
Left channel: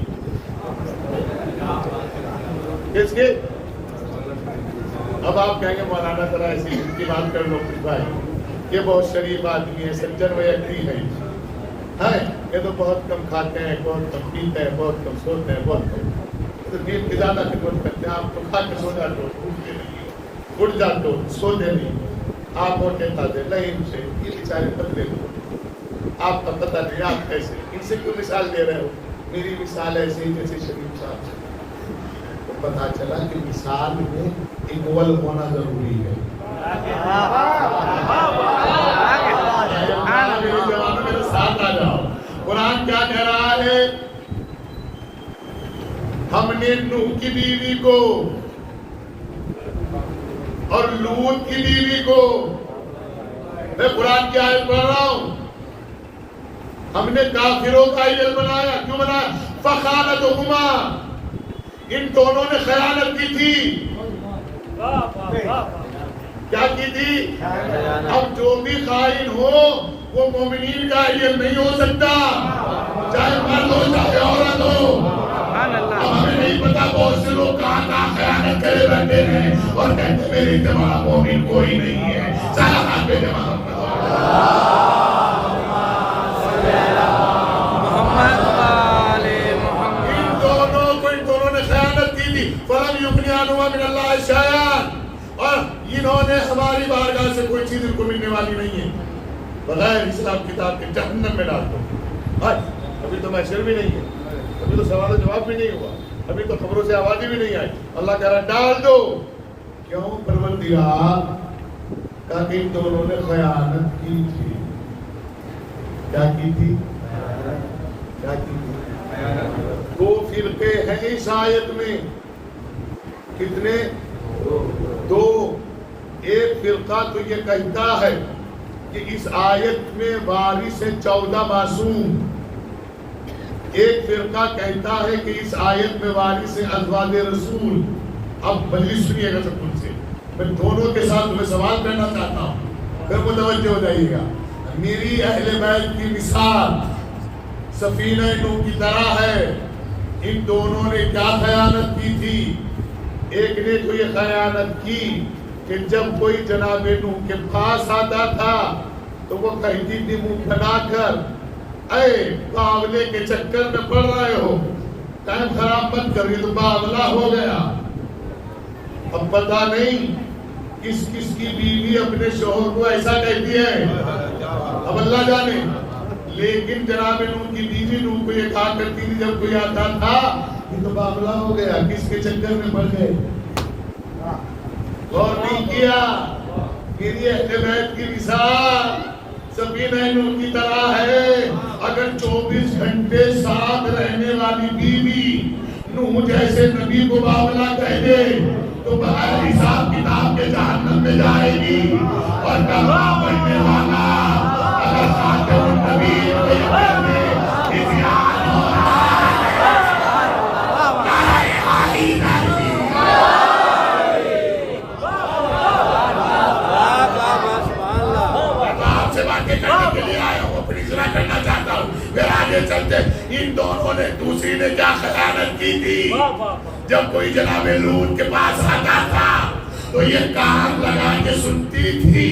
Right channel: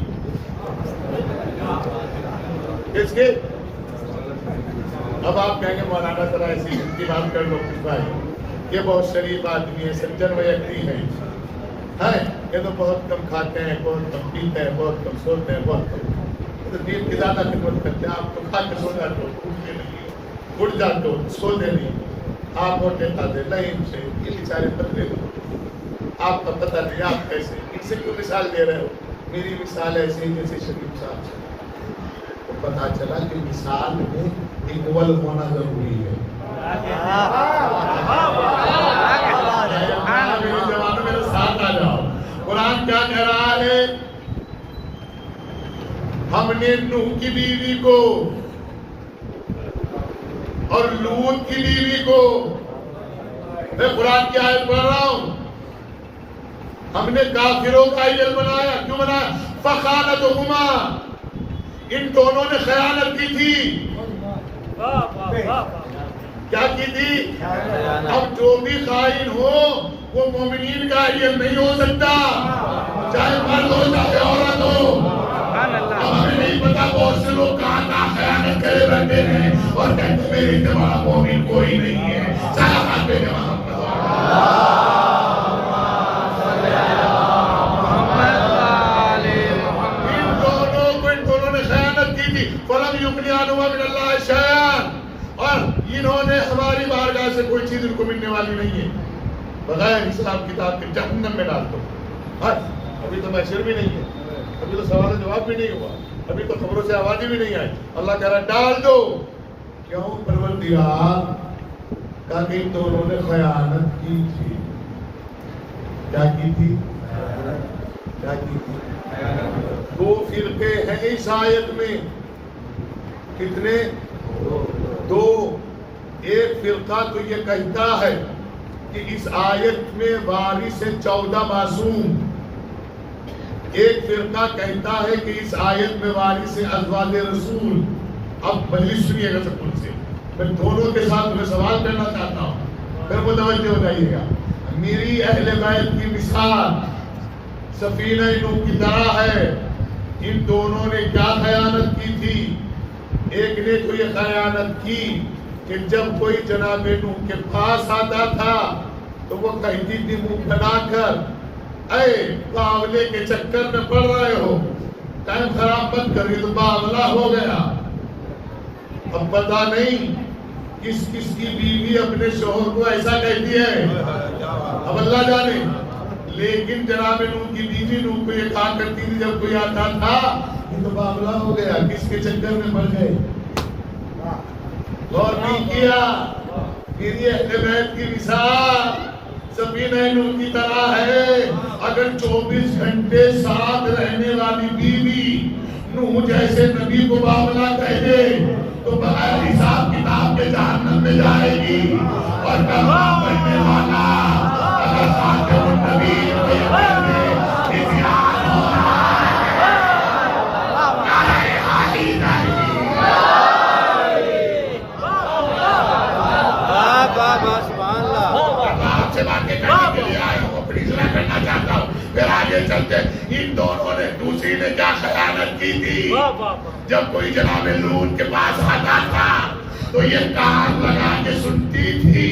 کس کے؟ اب آپ کہیں گے مولانا ذرا ایسی کی بات کر لو کچھ بھائی, یہ بہت شریف آدمی ہے, سجن و یقین ہے, یہ تو بہت کم کھاتے ہیں, بہت کم پیتے ہیں, بہت کم سوتے ہیں, بہت کم تو دین کی زیادہ خدمت کرتے ہیں. آپ تو کھا کے سو جاتے ہو, اٹھتے نہیں, اٹھ جاتے ہو, سوتے نہیں, آپ موٹے کھاتے نہیں سے, یہ بیچارے پتلے نہیں. آپ کا پتہ نہیں آپ کیسے, ان سے کیوں مثال دے رہے ہو؟ میری مثال ایسے ہی جیسے شریف صاحب. تو پتا چلا کہ مثال میں اکول ہونا ضروری ہے. میرے جوانوں میرے ساتھ آ جاؤ. قرآن کیا کہہ رہا ہے؟ ہم نے نوح کی بیوی کو اور لوط کی بیوی کو, میں قرآن کی آیت پڑھ رہا ہوں, ہم نے کافروں کا آئیڈل بنایا. کیوں بنایا؟ فخانتہما، ان دونوں نے خیانت کی تھی. کیا کی تھی؟ اب جو بھی خائن ہو وہ مومنین کا آئیڈل نہیں ہو سکتا، چاہے مرد ہو چاہے عورت ہو. اب ہمیں نہیں پتا بہت سے لوگ کہاں کہاں خیانت کرے بیٹھے ہیں اور کہتے میرے اتباع مومن کوئی نہیں ہے. سلامات بے محمد. ان دونوں نے خیانت کی تھی. فَلَمْ يُغْنِ عَنْهُمَا مِنَ اللَّهِ شَيْئًا، اور انہوں نے ہماری بارگاہ سے کوئی چیز ان کو ملنے والی نہیں ہے. بغیر اسلام کتاب کے جہنم میں ڈال دو. ابھی تو محشر بھی نہیں ہے، ابھی تو سوال و جواب بھی نہیں ہوا، ابھی تو خبروں سے آوازیں بھی نہیں آئی. اللہ کہہ رہا ڈال دو. کیوں؟ پروردگار کہ ان دونوں نے خیانت کی تھی. کیا کی تھی؟ کیا کی تھی؟ دو فرقے ہیں اس آیت میں. کتنے؟ دو. ایک فرقہ تو یہ کہتا ہے کہ اس آیت میں وارث ہیں 14 معصوم. ایک فرقہ کہتا ہے کہ اس آیت میں وارث ہیں ازواج رسول. اب مجلس سنیے گا سب سے، میں دونوں کے ساتھ تمہیں سوال کرنا چاہتا ہوں، پھر متوجہ ہو جائیے گا. میری اہل بیت کی مثال سفینہ نوح کی طرح ہے. ان دونوں نے کیا خیانت کی تھی؟ ایک نے تو یہ خیانت کی کہ جب کوئی جناب نوح کے پاس آتا تھا تو وہ کہتی تھی منہ پھیلا کر، اے باولے کے چکر میں پڑ رہے ہو، ٹائم خراب مت کر، یہ تو باولہ ہو گیا. اب پتا نہیں کس کس کی بیوی اپنے شوہر کو ایسا کہتی ہے، اب اللہ جانے. لیکن جناب نوح کی بیوی نوح کو یہ کہا کرتی تھی جب کوئی آتا تھا یہ تو باولہ ہو گیا، کس کے چکر میں پڑ گئے. غور نہیں کیا. میری اہل بیت کی مثال سفینہ نوح کی طرح ہے. اگر 24 گھنٹے ساتھ رہنے والی بیوی نوح جیسے نبی کو باولہ کہہ دے تو بغیر حساب کتاب کے جہنم میں جائے گی. اور کلمہ پڑھنے والا اگر خاتم النبی کو یہ کہہ دے اتیان ہو رہا ہے، نعرہ حالی نعرہ باتیں کرنے کے لیے آیا ہوں، اپنی اصلاح کرنا چاہتا ہوں. پھر آگے چلتے. ان دونوں نے دوسری نے کیا خیانت کی تھی؟ جب کوئی جناب لوط کے پاس آتا تھا تو یہ کان لگا کے سنتی تھی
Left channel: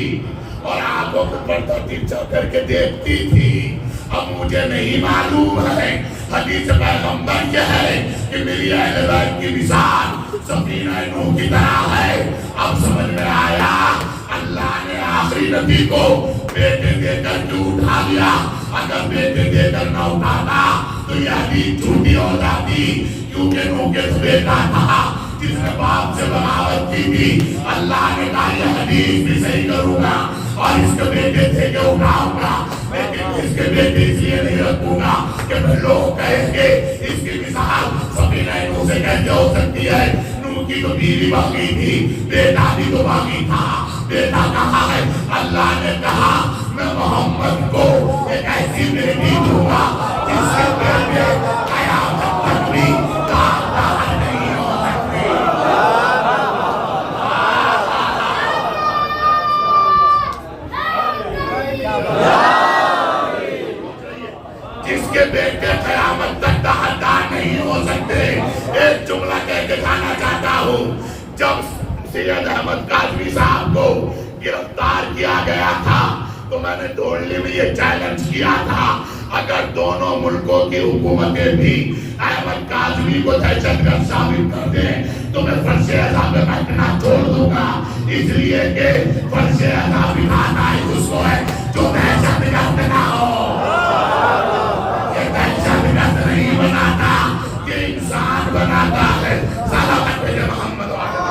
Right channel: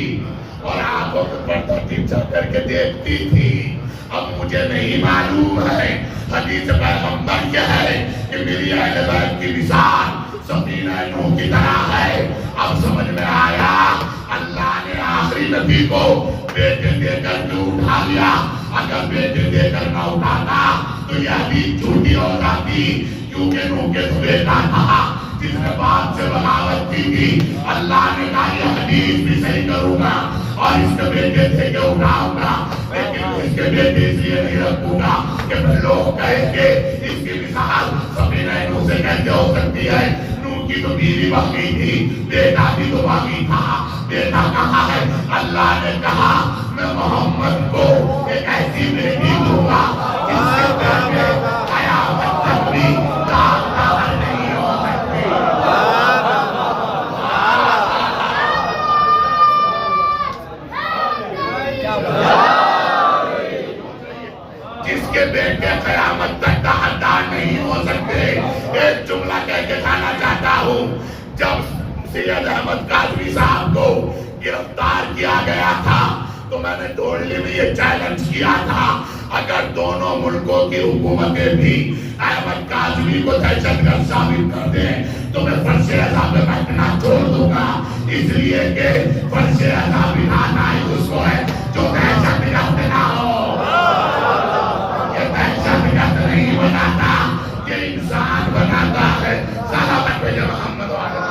اور آنکھوں کے پردہ تیرچا کر کے دیکھتی تھی. اب مجھے نہیں معلوم ہے حدیث پیغمبر کیا ہے کہ میری اہل بیت کی مثال سفینہ نوح کی طرح ہے. اب سمجھ میں آیا اللہ نے آخری نبی کو بیٹے دے کر کیوں اٹھا لیا. اگر بیٹے دے کر نہ اٹھاتا تو یہ حدیث جھوٹی ہو جاتی، کیونکہ نوح کے تو بیٹا تھا جس نے باپ سے بغاوت کی تھی. اللہ نے کہا یہ حدیث بھی صحیح کروں گا اور اس کے بیٹے تھے کہ اٹھاؤں گا، لیکن اس کے بیٹے اس لیے نہیں رکھوں گا کہ پھر لوگ کہیں گے اس کی مثال سفینہ نوح سے کیسے ہو سکتی ہے. نوح کی تو بیوی باقی تھی، بیٹا بھی تو باقی تھا. بیٹا کہاں ہے؟ اللہ نے کہا میں محمد کو ایک ایسی بیٹی دوں گا جس کے بیٹے قیامت تک بھی کام نہیں ہو سکتے. جس کے بیٹے قیامت تک داغدار نہیں ہو سکتے. ایک جملہ کہہ کے جانا چاہتا ہوں. جب سید احمد کاظمی صاحب کو گرفتار کیا گیا تھا تو میں نے ٹولنے میں یہ چیلنج کیا تھا اگر دونوں ملکوں کی حکومتیں بھی احمد کاظمی کو دہشت گرد ثابت کر دیں تو میں فرش اعضا پہ بیٹھنا چھوڑ دوں گا. اس لیے کہ فرش اعضا بنانا ہی اس کو ہے جو دہشت گرد نہ ہو. یہ دہشت گرد نہیں بناتا، یہ انسان بناتا ہے. سلامت بھیجے محمد والے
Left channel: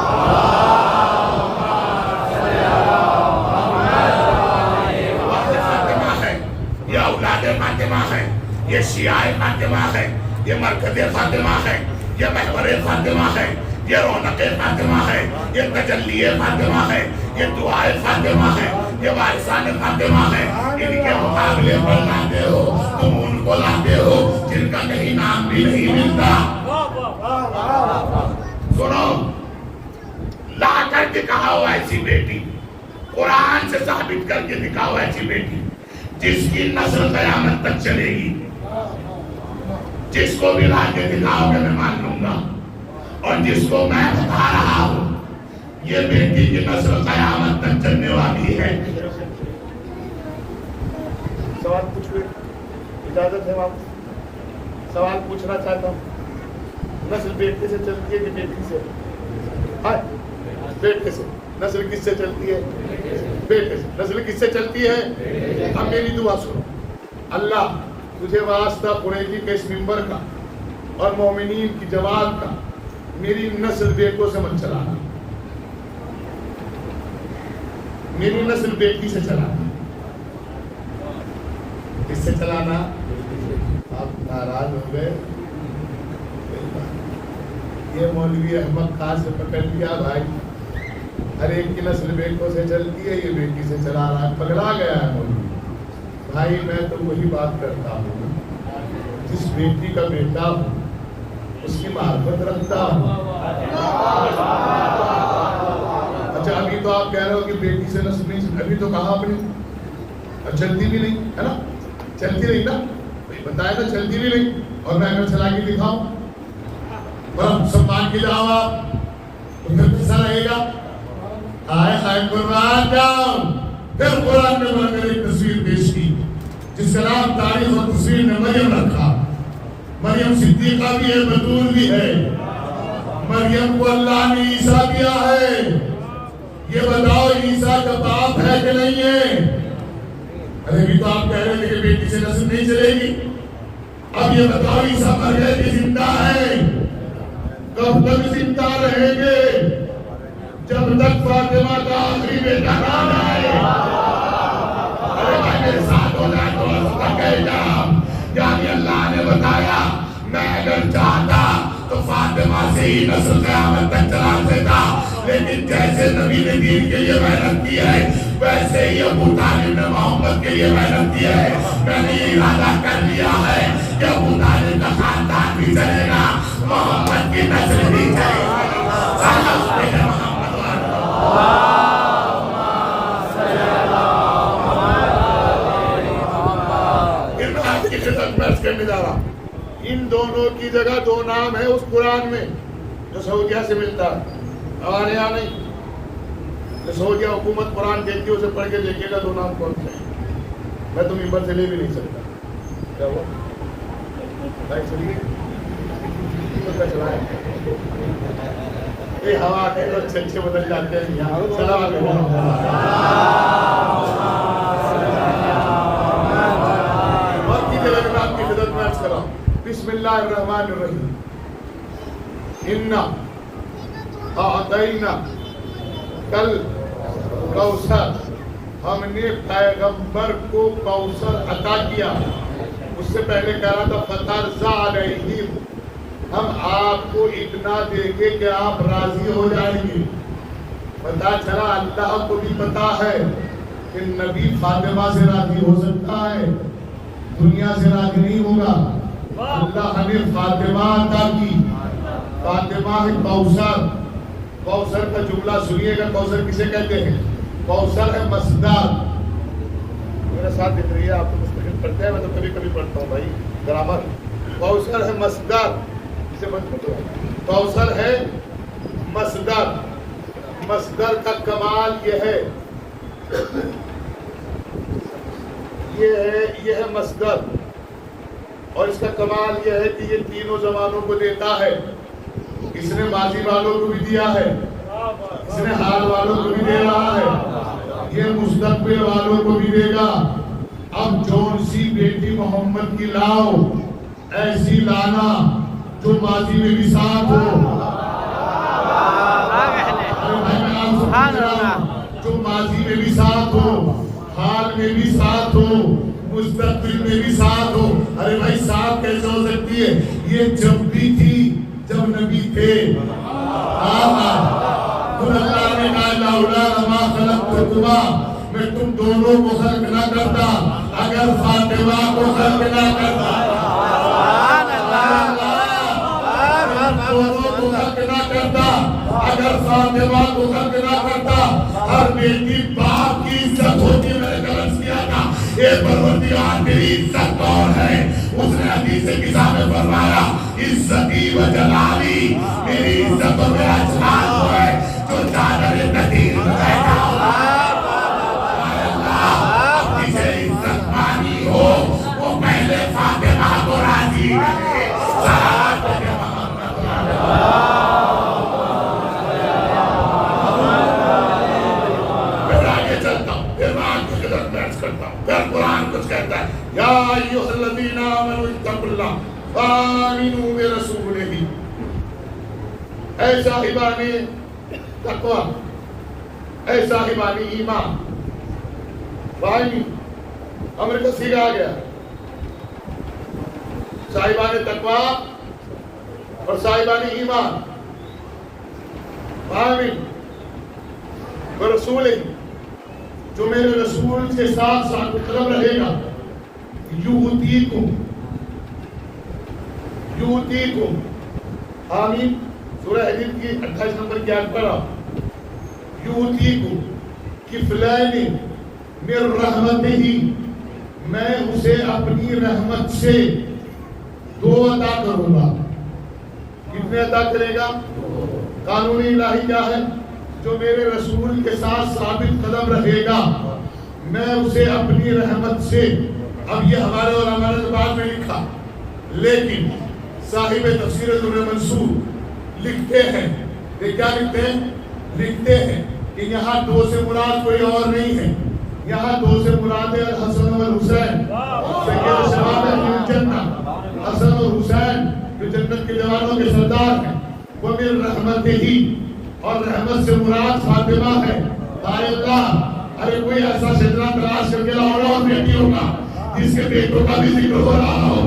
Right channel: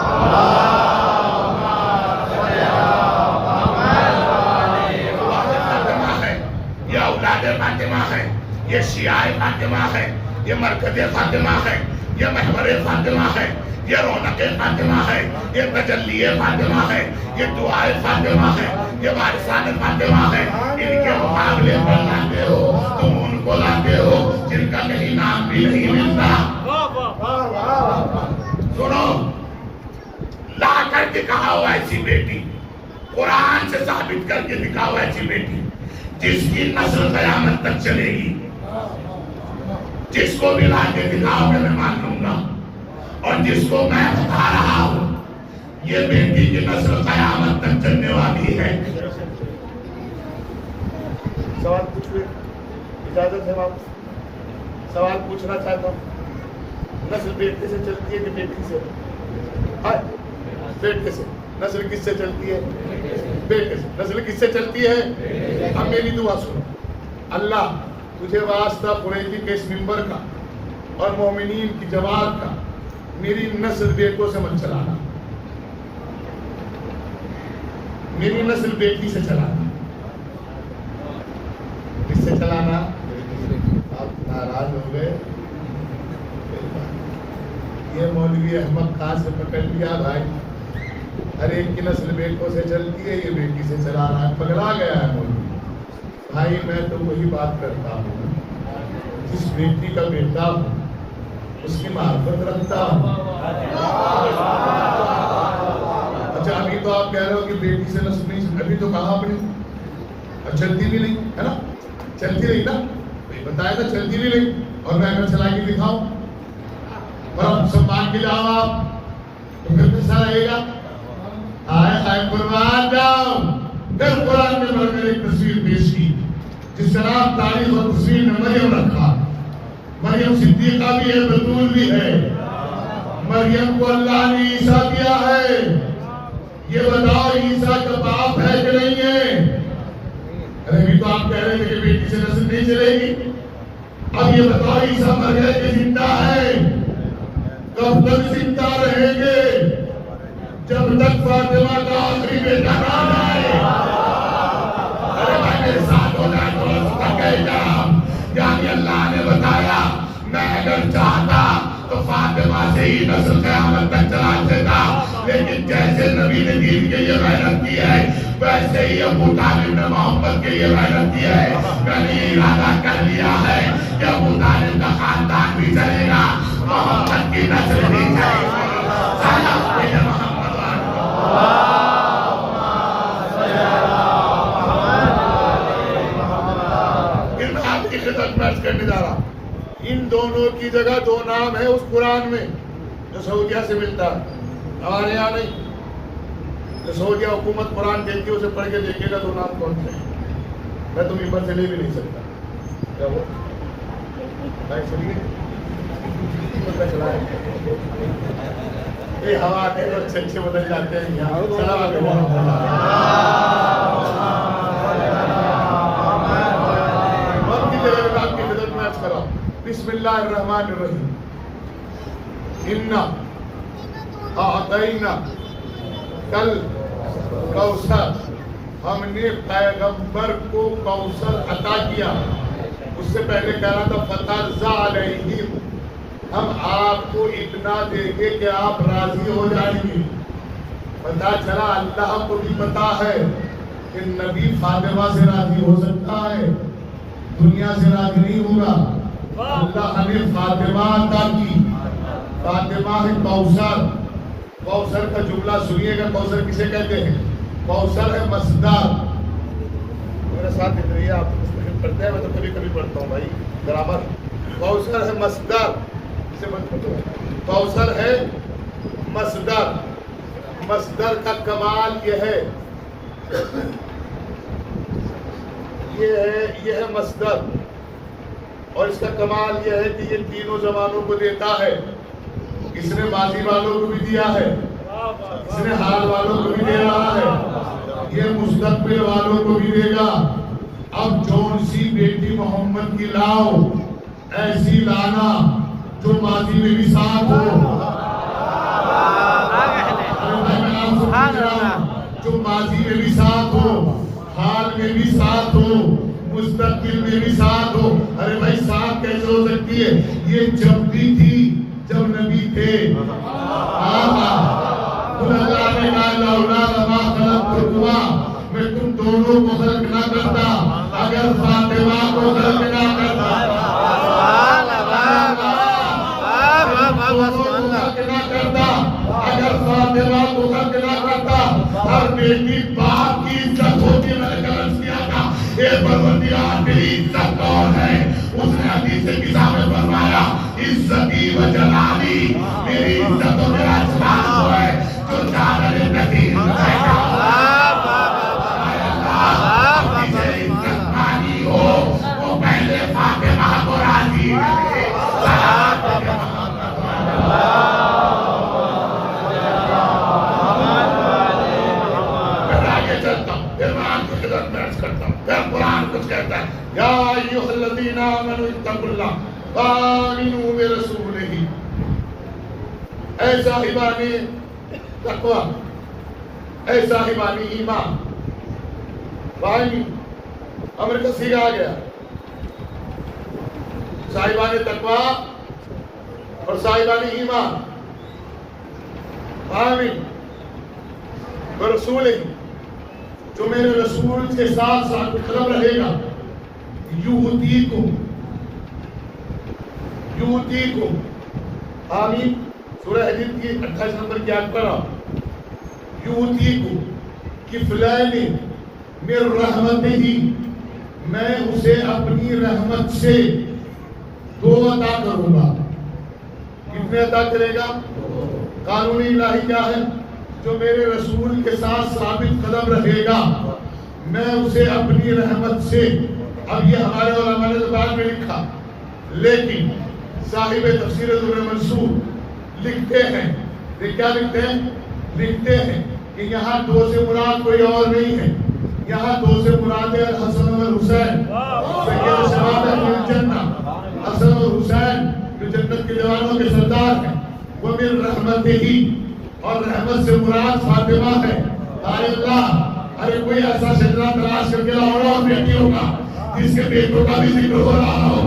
یہ اولاد فاطمہ ہے، یہ شیعہ فاطمہ ہے، یہ مرکز فاطمہ ہے، یہ محور فاطمہ ہے، یہ رونق فاطمہ ہے، یہ تجلی فاطمہ ہے، یہ دعائے فاطمہ ہے، یہ وارثان فاطمہ ہے، ان کے مقابلے پر لاتے ہو، تم ان کو لاتے ہو جن کا کہیں نام بھی نہیں ملتا. سنو، لا کر دکھاؤ ایسی بیٹی، قرآن سے ثابت کر کے دکھاؤ ایسی بیٹی جس کی نسل قیامت تک چلے گی. جس کو بھی لا کے دکھاؤ کہ میں مان لوں گا. اور جس کو میں بتا رہا ہوں یہ بیٹی کی نسل قیامت تک چلنے والی ہے. سوال پوچھ لیں، اجازت ہے آپ؟ سوال پوچھنا چاہتا ہوں. نسل بیٹے سے چلتی ہے کہ بیٹی سے؟ بیٹے سے. نسل کس سے چلتی ہے؟ بیٹے سے. نسل کس سے چلتی ہے؟ اب میری دعا سنو. اللہ تجھے واسطہ قریشی کے اس منبر کا اور مومنین کی جماعت کا میری نسل بیٹوں سے مت چلانا، میری نسل بیٹی سے چلانا. کس سے چلانا؟ آپ ناراض ہو گئے. یہ مولوی احمد خان سے پکڑ لیا بھائی، ہر ایک کی نسل بیٹوں سے چلتی ہے، یہ بیٹی سے چلا رہا ہے. پگلا گیا ہے مولوی. بھائی میں تو وہی بات کرتا ہوں، جس بیٹی کا بیٹا ہوں اس کی معرفت رکھتا ہوں. اچھا ابھی تو آپ کہہ رہے ہو کہ بیٹی سے نسل نہیں، ابھی تو کہا اپنی اور چلتی بھی نہیں ہے نا، چلتی نہیں نا، بتایا نا چلتی بھی نہیں. اور میں اگر چلا کے دکھاؤں اور سب مان کے جاؤ آپ تو پھر کیسا رہے گا؟ آئے قربان جاؤ. پھر قرآن نے میں نے ایک تصویر پیش کی جس کا نام تاریخ اور تصویر نے مریم رکھا. مریم صدیقہ بھی ہے، بتول بھی ہے. مریم کو اللہ نے عیسیٰ دیا ہے. یہ بتاؤ عیسیٰ کا باپ ہے کہ نہیں ہے؟ ارے بھی تو آپ کہہ رہے تھے کہ بیٹی سے نسل نہیں چلے گی. اب یہ بتاؤ عیسیٰ مر گئے کہ زندہ ہے؟ کب تک زندہ رہیں گے؟ جب تک فاطمہ کا آخری بیٹا نہ آئے. ارے بھائی میرے ساتھ ہو جائے تو تک کہے جا. یعنی اللہ نے بتایا میں اگر چاہتا تو فاطمہ سے ہی نسل قیامت تک چلا دیتا، لیکن جیسے نبی نے دین کے لیے محنت کی ہے ویسے ہی ابو طالب نے محمد کے لیے محنت کی ہے. میں نے یہ ارادہ کر لیا ہے کہ ابو طالب کا خاندان بھی چلے گا، محمد کی نسل بھی چلے گی. آپ کی خدمت میں عرض کرنے جا رہا ہوں. ان دونوں کی جگہ دو نام ہے اس قرآن میں جو سعودیہ سے ملتا ہے، ہمارے یہاں نہیں. جو سعودیہ حکومت قرآن دیتی ہے اسے پڑھ کے دیکھے گا دو نام کون سے ہیں. میں تو ممبر سے لے بھی نہیں سکتا. کیا ہوا یہ ہوا کے تو اچھے اچھے بدل جاتے ہیں. وقت کی جگہ میں آپ کی خدمت میں عرض کر رہا ہوں. بسم اللہ الرحمن الرحیم. انا اعطینا کل کوثر، ہم نے پیغمبر کو کوثر عطا کیا. اس سے پہلے کہہ رہا تھا فترضى علیہم، ہم آپ کو اتنا دیں گے کہ آپ راضی ہو جائیں گے. پتا چلا اللہ کو بھی پتا ہے کہ نبی فاطمہ سے راضی ہو سکتا ہے، دنیا سے راضی نہیں ہوگا. اللہ نے فاطمہ عطا کی. فاطمہ ہے کوثر. کوثر کا جملہ سنیے گا. کوثر کسے کہتے ہیں؟ کوثر ہے مصدر. میرے ساتھ دیکھ رہی ہے آپ تو مستقل پڑھتے ہیں، میں تو کبھی کبھی پڑھتا ہوں بھائی گرامر. کوثر ہے مصدر. اسے مت پڑھو. کوثر ہے مصدر. مصدر کا کمال یہ ہے، یہ ہے مصدر. اور اس کا کمال یہ ہے کہ یہ تینوں زمانوں کو دیتا ہے. اس نے ماضی والوں کو بھی دیا ہے، اس نے حال والوں کو بھی دے رہا ہے، یہ مستقبل والوں کو بھی دے گا. اب جون سی بیٹی محمد کی لاؤ، ایسی لانا جو ماضی میں بھی ساتھ ہو. جو ماضی میں بھی ساتھ ہو، حال میں بھی ساتھ ہو، مستقبل میں بھی ساتھ ہو. ارے بھائی ساتھ کیسے ہو سکتی ہے؟ یہ جب بھی تھی جب نبی تھے. اللہ نے کہا لولا ما خلقتکما، میں تم دونوں کو خلق نہ کرتا اگر فاطمہ کو خلق نہ کرتا، دونوں کو خلق نہ کرتا اگر فاطمہ کو خلق نہ کرتا۔ ہر بیٹی باپ کی عزت ہوتی، میں نے غلط کیا تھا، اے پروردگار میری عزت کون ہے؟ اس نے حدیث کتاب میں فرمایا عزتی و جلالی، میری عزت و میرا جلال وہ ہے جو چادر نکیر میں بیٹھا ہوا۔ اے اللہ جسے عزت مانی ہو وہ پہلے فاطمہ کو راضی کرے۔ صلوات محمد میں آگے چلتا ہوں، پھر میں آپ کو قدر بیٹھ کرتا ہوں۔ پھر قرآن کچھ کہتا ہے یا ایھا الذین آمنوا اتقوا اللہ وآمنوا برسولہ۔ اے صاحبان تقوی، اے صاحبان ایمان، بھائی امر کا صیغہ آ گیا، صاحبان تقوی اور صاحبان ایمان، آمین برسولہ، جو میرے رسول کے ساتھ ساتھ قدم رہے گا، یؤتیکم، آمین۔ سورہ حدید کی 28 نمبر کی آیت پر یؤتیکم کفلین من رحمتہ، میں اسے اپنی رحمت سے 2 عطا کروں گا۔ کتنے عطا کرے گا؟ قانون الہی کیا ہے؟ جو میرے رسول کے ساتھ ثابت قدم رہے گا میں اسے اپنی رحمت سے۔ اب یہ ہمارے اور ہمارے زبان میں لکھا، لیکن صاحب تفسیر در منصور لکھتے ہیں، یہ کیا لکھتے ہیں؟ لکھتے ہیں کہ یہاں 2 سے مراد کوئی اور نہیں ہے، یہاں 2 سے مراد ہے حسن اور حسین، سید شباب اہل الجنہ، حسن اور حسین جو جنت کے جوانوں کے سردار ہیں، وہ من رحمتہ ہی، اور رحمت سے مراد فاطمہ ہے۔ اللہ ارے کوئی ایسا شجرہ تلاش کر کے لاؤ اور بیٹیوں کا جس کے بیٹوں کا بھی ذکر ہو رہا ہو،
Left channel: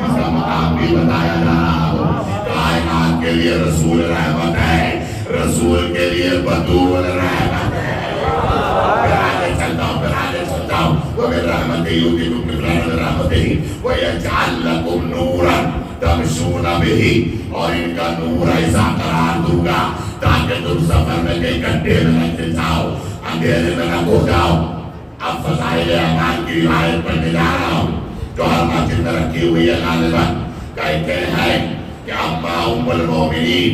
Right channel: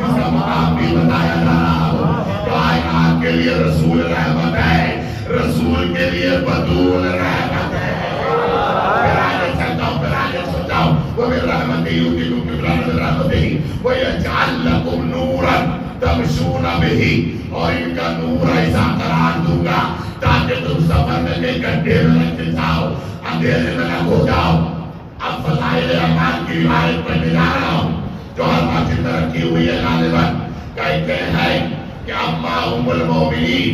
جس کا مقام بھی بتایا جا رہا ہو۔ کائنات کے لیے رسول رحمت ہے، رسول کے لیے بطول رحمت ہے۔ پھر آگے چلتا ہوں، پھر آگے چلتا ہوں۔ وَمِن رَحْمَتِهِ يُؤْتِكُمْ كِفْلَيْنِ مِن رَحْمَتِهِ وَيَجْعَل لَّكُمْ نُورًا تمشون بِهِ، اور ان کا نور ایسا قرار دوں گا تاکہ تم سفر میں کہیں گڈھے میں نہ جاؤ، اندھیرے میں نہ کھو جاؤ۔ اب فضائل اعمال کی روایت پڑھنے جا رہا ہوں جو ہر مسجد میں رکھی ہوئی ہے غالباً۔ کہتے ہیں کہ اما ام المومنین،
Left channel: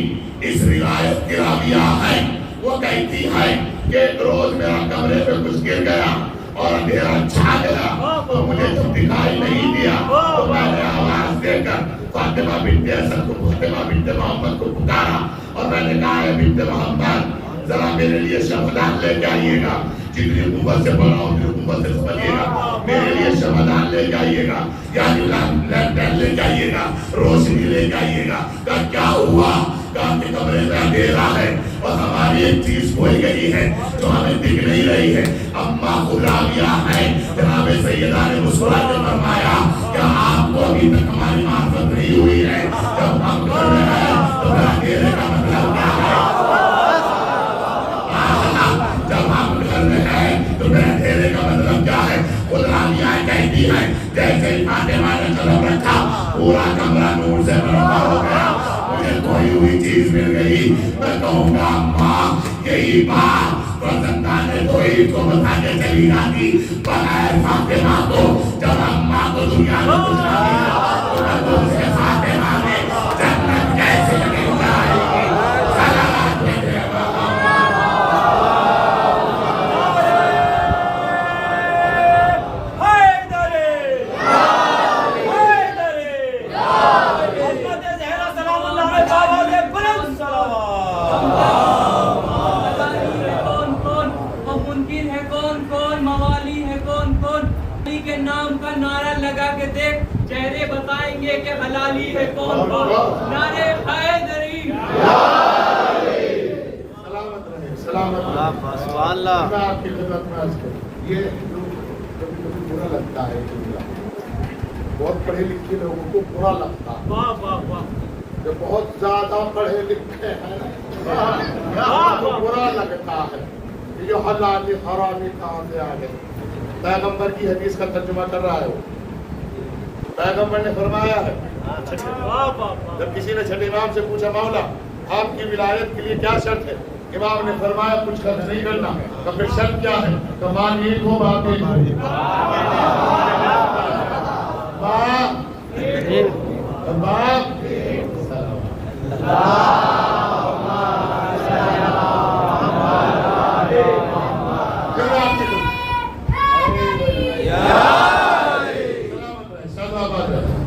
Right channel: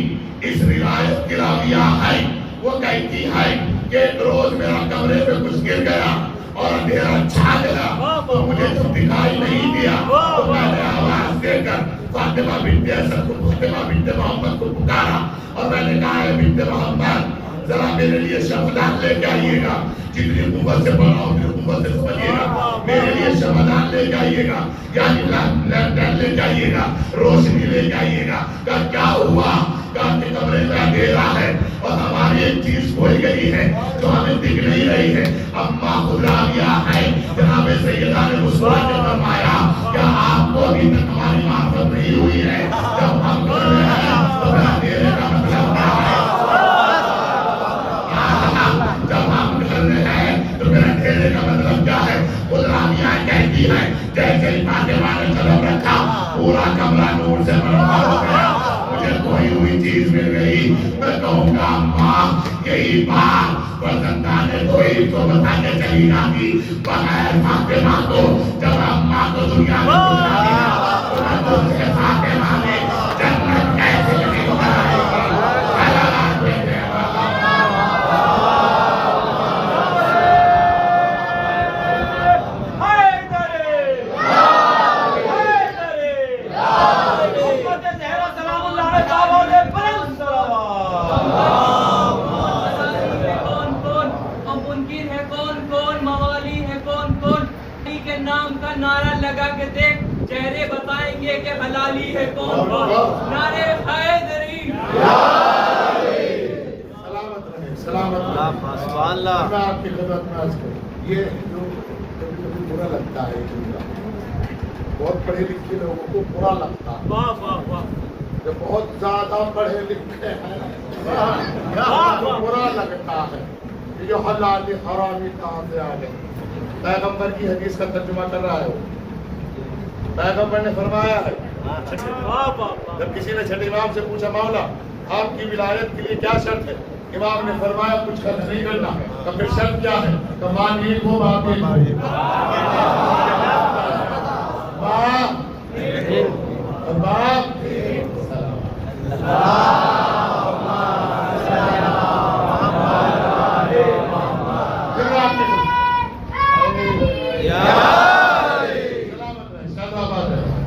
اس روایت کی راویہ ہے، وہ کہتی ہے کہ ایک روز میرا کمرے پہ کچھ گر گیا اور اندھیرا چھا گیا تو مجھے جب دکھائی نہیں دیا تو میں نے آواز دے کر فاطمہ بنت اسد کو، فاطمہ بنت محمد کو پکارا اور میں نے کہا ہے بنت محمد ذرا میرے لیے شمعدان لے کے آئیے گا، جتنی قوت سے پڑھا اتنی قوت سے سمجھیے گا، میرے لیے شمعدان لے کے آئیے گا، یعنی لینٹرن لے کے آئیے گا، روشنی لے کے آئیے گا۔ کہا کیا ہوا؟ کہا کہ کمرے میں اندھیرا ہے اور ہماری ایک چیز کھوئی گئی ہے جو ہمیں دکھ نہیں رہی ہے۔ اما خداویہ ہے، جناب سیدہ نے مسکرا کے فرمایا کیا آپ کو ابھی تک ہماری معرفت نہیں ہوئی ہے؟ جب ہم کر رہے ہیں تو پھر اندھیرے کا مطلب کیا ہے؟ جب ہم کر رہے ہیں تو پھر اندھیرے کا مطلب کیا ہے؟ خداویہ کہتی ہے جیسے ہی فاطمہ نے قدم رکھا پورا کمرہ نور سے منور ہو گیا، مجھے کوئی ہوئی چیز مل گئی۔ میں کہوں گا ماں یہی بات فرزندان کوئی کو بتا کے چلی جاتی بغیر فاطمہ کو، جب اماں کو دنیا میں گزرا دیا تو میں تم سے فاطمہ میں جنت کیسے مل جائے گی؟ صلوات میرے کے نام کا نعرہ لگا کے دیکھ، چہرے بتائیں گے کہ حلالی ہے کون کون۔ نعرے حیدری، سلامت اللہ آپ کی خدمت میں عرض کروں۔ یہ برا لگتا ہے، بہت پڑھے لکھے لوگوں کو برا لگتا ہے، جو بہت زیادہ پڑھے لکھے ہیں برا لگتا ہے کہ جو حلال حرامی کہاں سے آ گئی. پیغمبر کی حدیث کا ترجمہ کر رہا ہے. پیغمبر نے فرمایا ہے, جب کسی نے چھٹے امام سے پوچھا مولا آپ کی ولایت کے لیے کیا شرط ہے, امام نے فرمایا کچھ خرچ نہیں کرنا. تو پھر شرط کیا ہے؟ کہ ماں ایک ہو باپ ایک ہو. باپ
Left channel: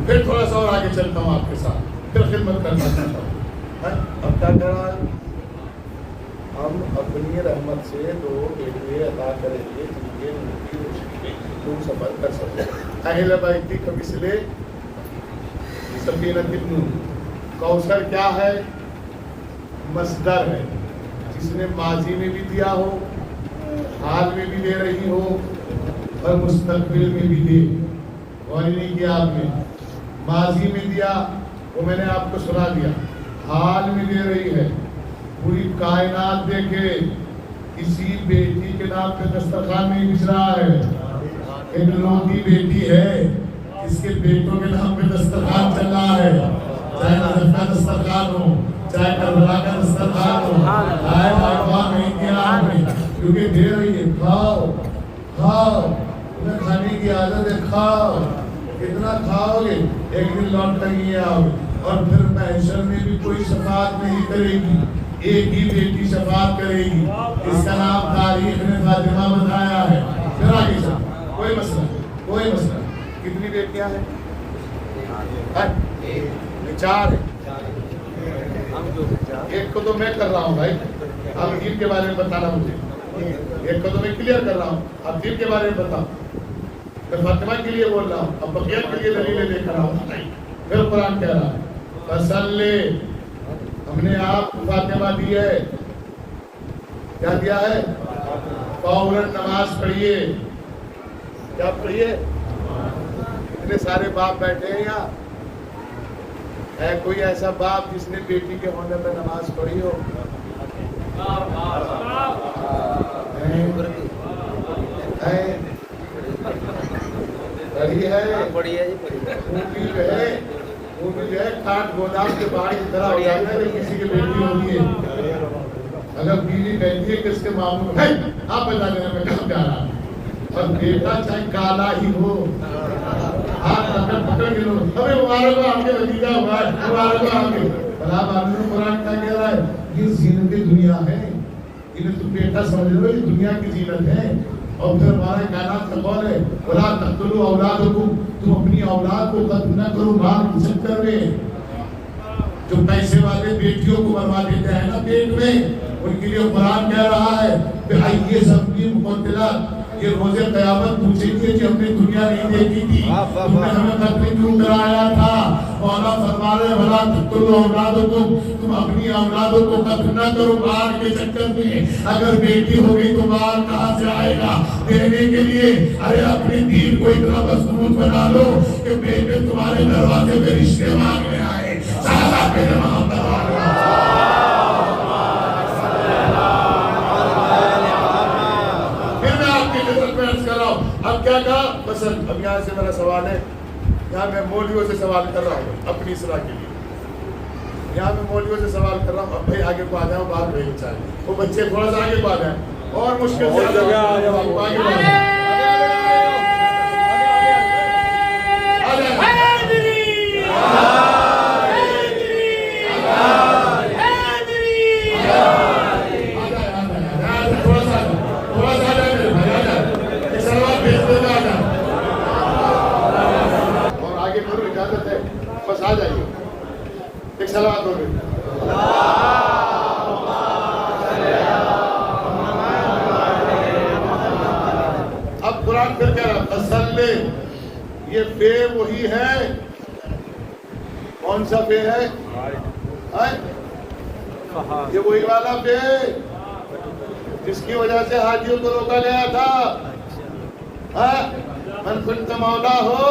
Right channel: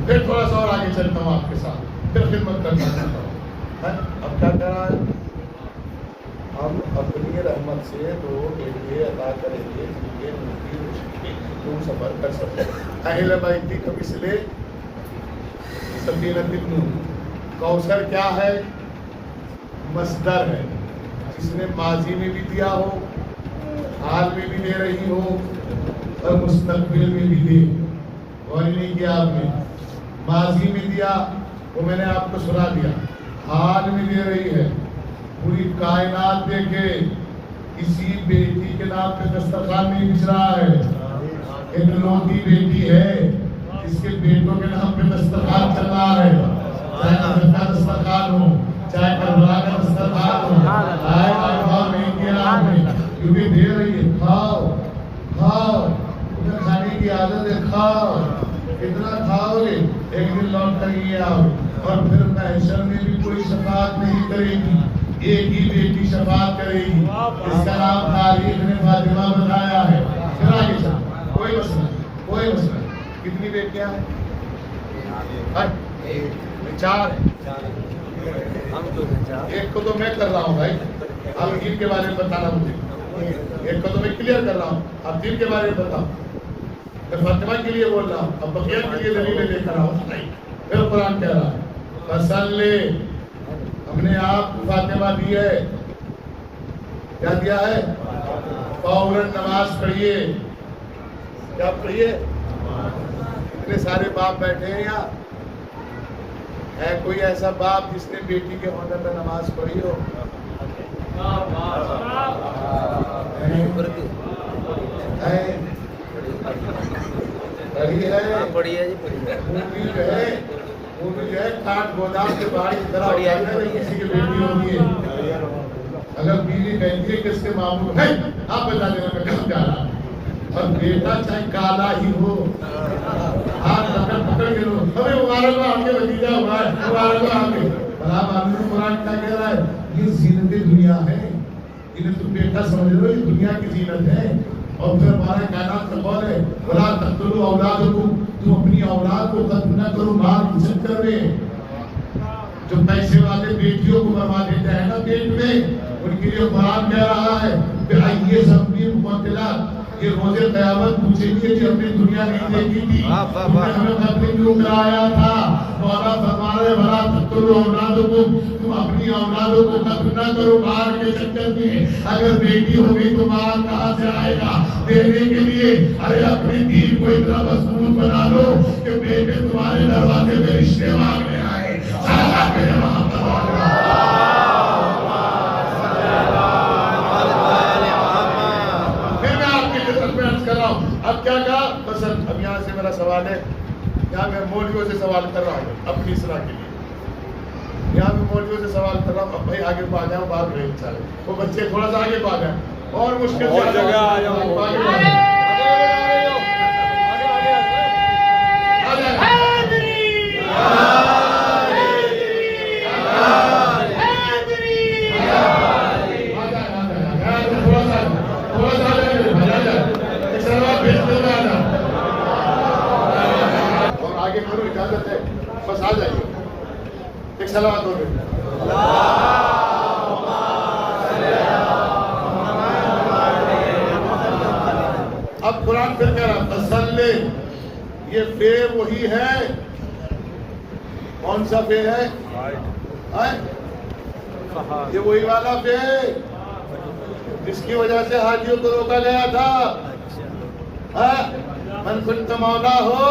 پھر تھوڑا سا اور آگے چلتا ہوں آپ کے ساتھ, پھر خدمت کرنا چاہتا ہوں. اب کیا کر رہا ہے؟ ہم اپنی رحمت سے لوگوں کے لیے عطا کریں گے کیونکہ ان کی روشنی دور سفر کر سکتے ہیں. اہل بیتی کا مسئلے سفینۃ النور. کوثر کیا ہے؟ مصدر ہے, جس نے ماضی میں بھی دیا ہو, حال میں بھی دے رہی ہو اور مستقبل میں بھی دے. غور نہیں کیا آپ نے؟ ماضی میں دیا وہ میں نے آپ کو سنا دیا, حال میں دے رہی ہے. پوری کائنات دیکھے کسی بیٹی کے نام پہ دسترخوان نہیں بچ رہا ہے. ایک لوٹی بیٹی ہے جس کے بیٹوں کے نام پہ دسترخوان چل رہا ہے, چاہے نجف کا دسترخوان ہو, چاہے کربلا کا دسترخوان ہو. آئے آئے نہیں کیا آپ نے, کیونکہ دے رہی ہے. کھاؤ کھاؤ, تمہیں کھانے کی عادت ہے, کھاؤ. کتنا کھاؤ گے, ایک دن لوٹ کر یہ آؤ. اور پھر محشر میں بھی کوئی شفاعت نہیں کرے گی, ایک ہی بیٹی شفاعت کرے گی. اس کا نام تاریخ نے فاطمہ بتایا ہے. پھر آگے چل, کوئی مسئلہ کوئی مسئلہ. کتنی بیٹیاں ہیں؟ 4 ہیں. ایک کو تو میں کر رہا ہوں بھائی, آپ دین کے بارے میں بتانا مجھے. ایک کو تو میں کلیئر کر رہا ہوں, آپ دین کے بارے میں بتاؤ. میں فاطمہ کے لیے بول رہا ہوں, اب بقیہ کے لیے دلیلیں لے کر آؤں. پھر قرآن کہہ رہا فصلی, ہم نے آپ کو فاطمہ دی ہے. کیا دیا ہے؟ فوراً نماز پڑھیے. کیا پڑھیے؟ اتنے سارے باپ بیٹھے ہیں یہاں, ہے کوئی ایسا باپ جس نے بیٹی کے ہونے میں نماز پڑھی ہو؟ وہ بھی جو ہے کاٹ گودام کے باہر کی طرح ہو جاتا ہے جب کسی کی بیٹی ہوتی ہے. اگر بیوی کہتی ہے کہ اس کے معمول ہے آپ بتا دینا میں کہاں جا رہا ہوں, اور بیٹا چاہے کالا ہی ہو, ہاتھ پکڑ کے لو, ہمیں مبارک ہو آپ کے بھتیجا ہوا ہے, مبارک ہو آپ کے. بھلا معلوم قرآن کیا کہہ رہا ہے؟ یہ زینت دنیا ہے, انہیں تم بیٹا سمجھ لو یہ دنیا کی زینت ہے. اور پھر ہمارے کائنات کا قول ہے وَلَا تَقْتُلُوا أَوْلَادَكُمْ, تم اپنی اولاد کو قتل نہ کرو مال کی چکر میں. جو پیسے والے بیٹیوں کو برباد دیتے ہیں نا پیٹ میں, ان کے لیے قرآن کہہ رہا ہے کہ آئیے سب کی مبتلا, یہ روز قیامت پوچھیں گے کہ ہم نے دنیا نہیں دیکھی تھی, تم نے ہمیں قتل کیوں کرایا تھا. مولا فرما رہے وَلَا تَقْتُلُوا أَوْلَادَكُمْ, تم اپنی اولادوں کو قتل نہ کرو مال کے چکر میں. اگر بیٹی ہو گئی تو مال کہاں سے آئے گا دینے کے لیے؟ ارے اپنے دین کو اتنا مضبوط بنا لو کہ بیٹے تمہارے دروازے میں رشتے مانگنے آئے. پھر میں آپ کی خدمت میں عرض کر رہا ہوں. اب کیا کہا پسند, اب یہاں سے میرا سوال ہے, یہاں میں مولویوں سے سوال کر رہا ہوں اپنی اصلاح کے لیے. یہاں میں مولویوں سے سوال کر رہا ہوں. اب بھائی آگے کو آ جائیں, بات رہے بیچارے وہ بچے تھوڑا سا آگے کو آ جائیں, اور مشکل سے آگے کو آ جائیں. اور آگے کرو, اجازت ہے, بس آ جائیے. ایک سلوات ہو گئی. اب قرآن پھر کہہ رہا فصلی, یہ بے وہی ہے. کون سا بے ہے؟ یہ وہی والا بے جس کی وجہ سے حاجیوں کو روکا گیا تھا. من کنت مولا ہو,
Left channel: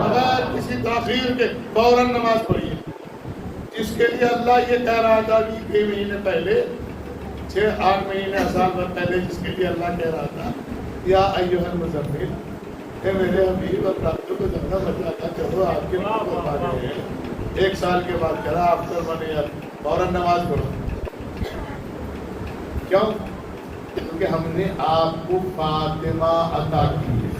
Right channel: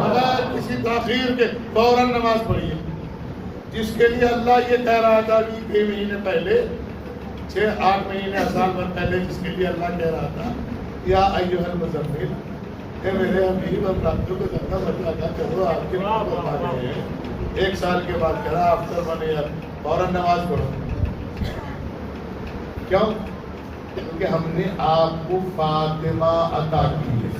بغیر کسی تاخیر کے فوراً نماز پڑھیے. جس کے لیے اللہ یہ کہہ رہا تھا ابھی 1 مہینے پہلے 6-8 مہینے سال بھر پہلے جس کے لیے اللہ کہہ رہا تھا یا ایھا المزمل، اے میرے حبیب اب راتوں کو جگنا بچا تھا، چلو آپ کے نام پر آ گئے ہیں، 1 سال کے بعد کرا افطر بنے اب فوراً نماز پڑھو. کیوں؟ کیونکہ ہم نے آپ کو فاطمہ عطا کی ہے.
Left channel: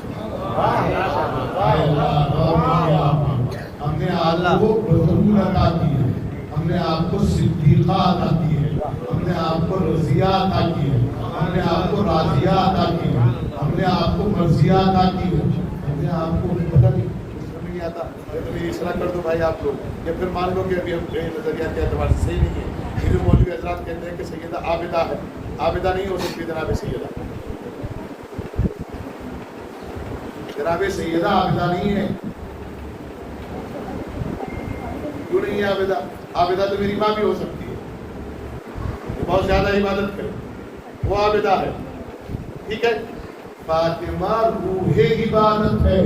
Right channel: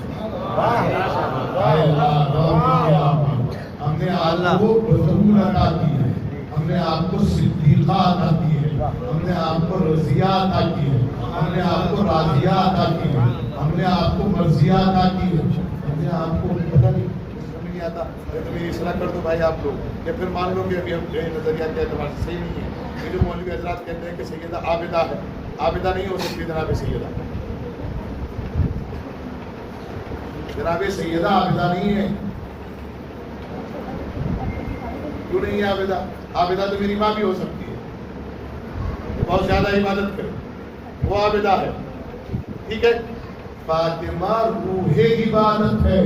ہم نے آپ کو بطول عطا کی ہے، ہم نے آپ کو صدیقہ عطا کی ہے، ہم نے آپ کو رضیہ عطا کی ہے، ہم نے آپ کو راضیہ عطا کی ہے، ہم نے آپ کو مرضیہ عطا کی ہے، ہم نے آپ کو پتہ نہیں سمجھ نہیں آتا یہ تو میری اصلاح کر دو بھائی آپ لوگ، یا پھر مان لو کہ ابھی ہم نظریات کے اعتبار سے صحیح نہیں ہے. یہ جو مولوی حضرات کہتے ہیں کہ سیدہ عابدہ ہے، عابدہ نہیں ہو سکتی جناب سیدہ. جناب سیدہ عابدہ نہیں ہے. کیوں نہیں ہے عابدہ؟ عابدہ تو میری ماں بھی ہو سکتی ہے، بہت زیادہ عبادت کرے، وہ عابدہ ہے. ٹھیک ہے. فاطمہ روح عبادت ہے.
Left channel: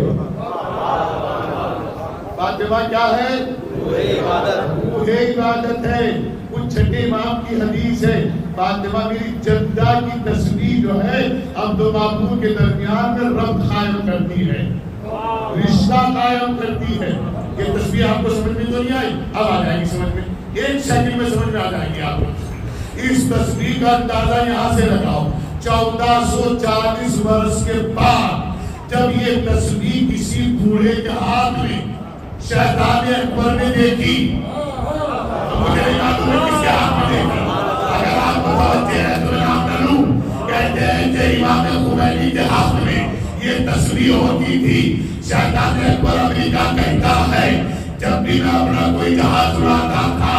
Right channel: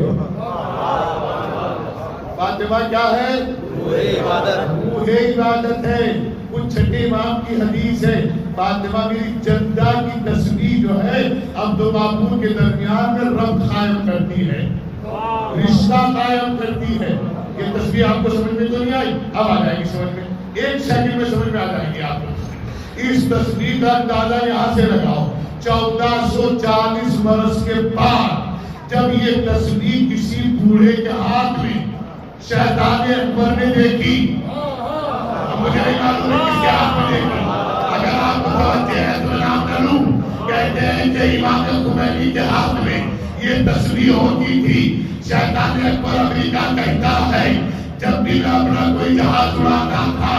فاطمہ کیا ہے؟ روح عبادت ہے. کچھ چھٹے امام کی حدیث ہے، فاطمہ میری جدہ کی تسبیح جو ہے اب دو معبود کے درمیان میں ربط قائم کرتی ہے، رشتہ قائم کرتی ہے. یہ تسبیح آپ کو سمجھ میں تو نہیں آئی؟ اب آ جائے گی سمجھ میں، 1 سیکنڈ میں سمجھ میں آ جائے گی آپ کو. اس تسبیح کا اندازہ یہاں سے لگاؤ. 1440 برس کے بعد جب یہ تسبیح کسی بوڑھے کے ہاتھ میں شیطان اکبر نے دیکھی، مجھے نہیں معلوم ہے کس کے ہاتھ میں دیکھی، اگر آپ کو توجہ ہے تو میں نام نہ لوں. کہتے ہیں کہ امام خمینی کے ہاتھ میں یہ تسبیح ہوتی تھی. شیطان اکبر امریکہ کہتا ہے جب بھی میں اپنا کوئی جہاز اڑاتا تھا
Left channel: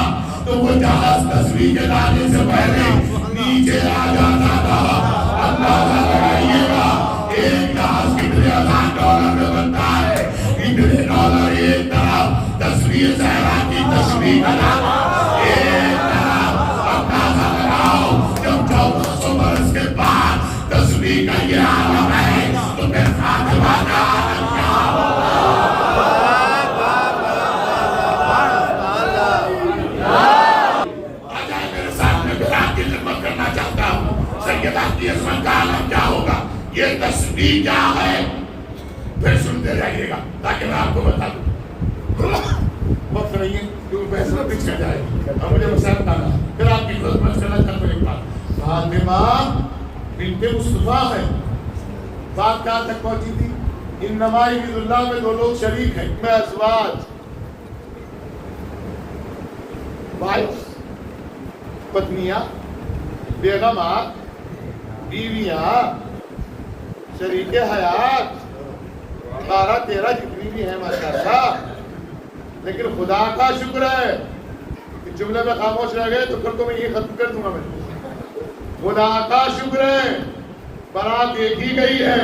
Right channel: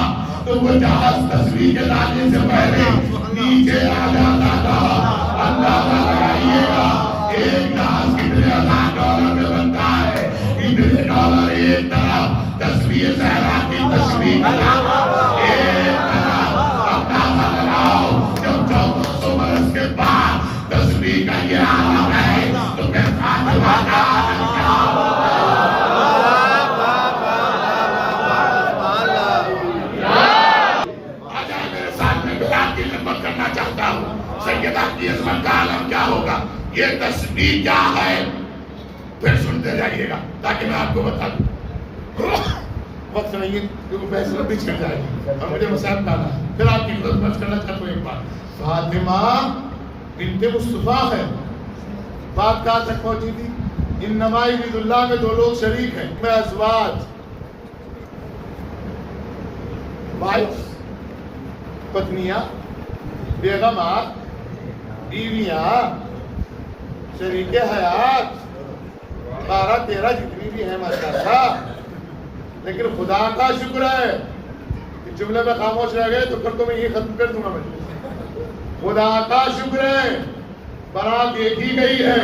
تو وہ جہاز تسبیح کے لانے سے پہلے نیچے آ جاتا تھا. اندازہ لگائیے گا ایک جہاز کتنے $1000 میں بنتا ہے، اتنے ڈالر ایک طرف تسبیح زہرا کی تسبیح کا لانا ایک طرف. اندازہ لگاؤ جب 1400 برس کے بعد تسبیح کا یہ عالم ہے تو پھر فاطمہ کا عالم کیا ہوگا؟ آ جائے میرے ساتھ، میں بیان کی خدمت کرنا چاہتا ہوں. سیدہ کی عظمت کا عالم کیا ہوگا؟ یہ تسبیح کیا ہے؟ پھر سنتے رہیے گا تاکہ میں آپ کو بتا دوں. وقت نہیں ہے کیونکہ بحث میں پیچھے جائے گا، مجھے مسائل بتانا. پھر آپ کی خدمت کرنا چاہتا ہوں. ایک بات، فاطمہ بنت مصطفیٰ ہے. بات کہاں تک پہنچی تھی؟ انما یرید اللہ میں 2 لوگ شریک ہیں، میں ازواج 22 پتنیاں، بیگمات، بیویاں، شریک حیات 12-13 جتنی بھی ہیں ماشاءاللہ. لیکن خدا کا شکر ہے کہ جملے میں خاموش رہ گئے تو پھر تو میں یہ ختم کر دوں گا. میں خدا کا شکر ہے برات دیکھی گئی ہے.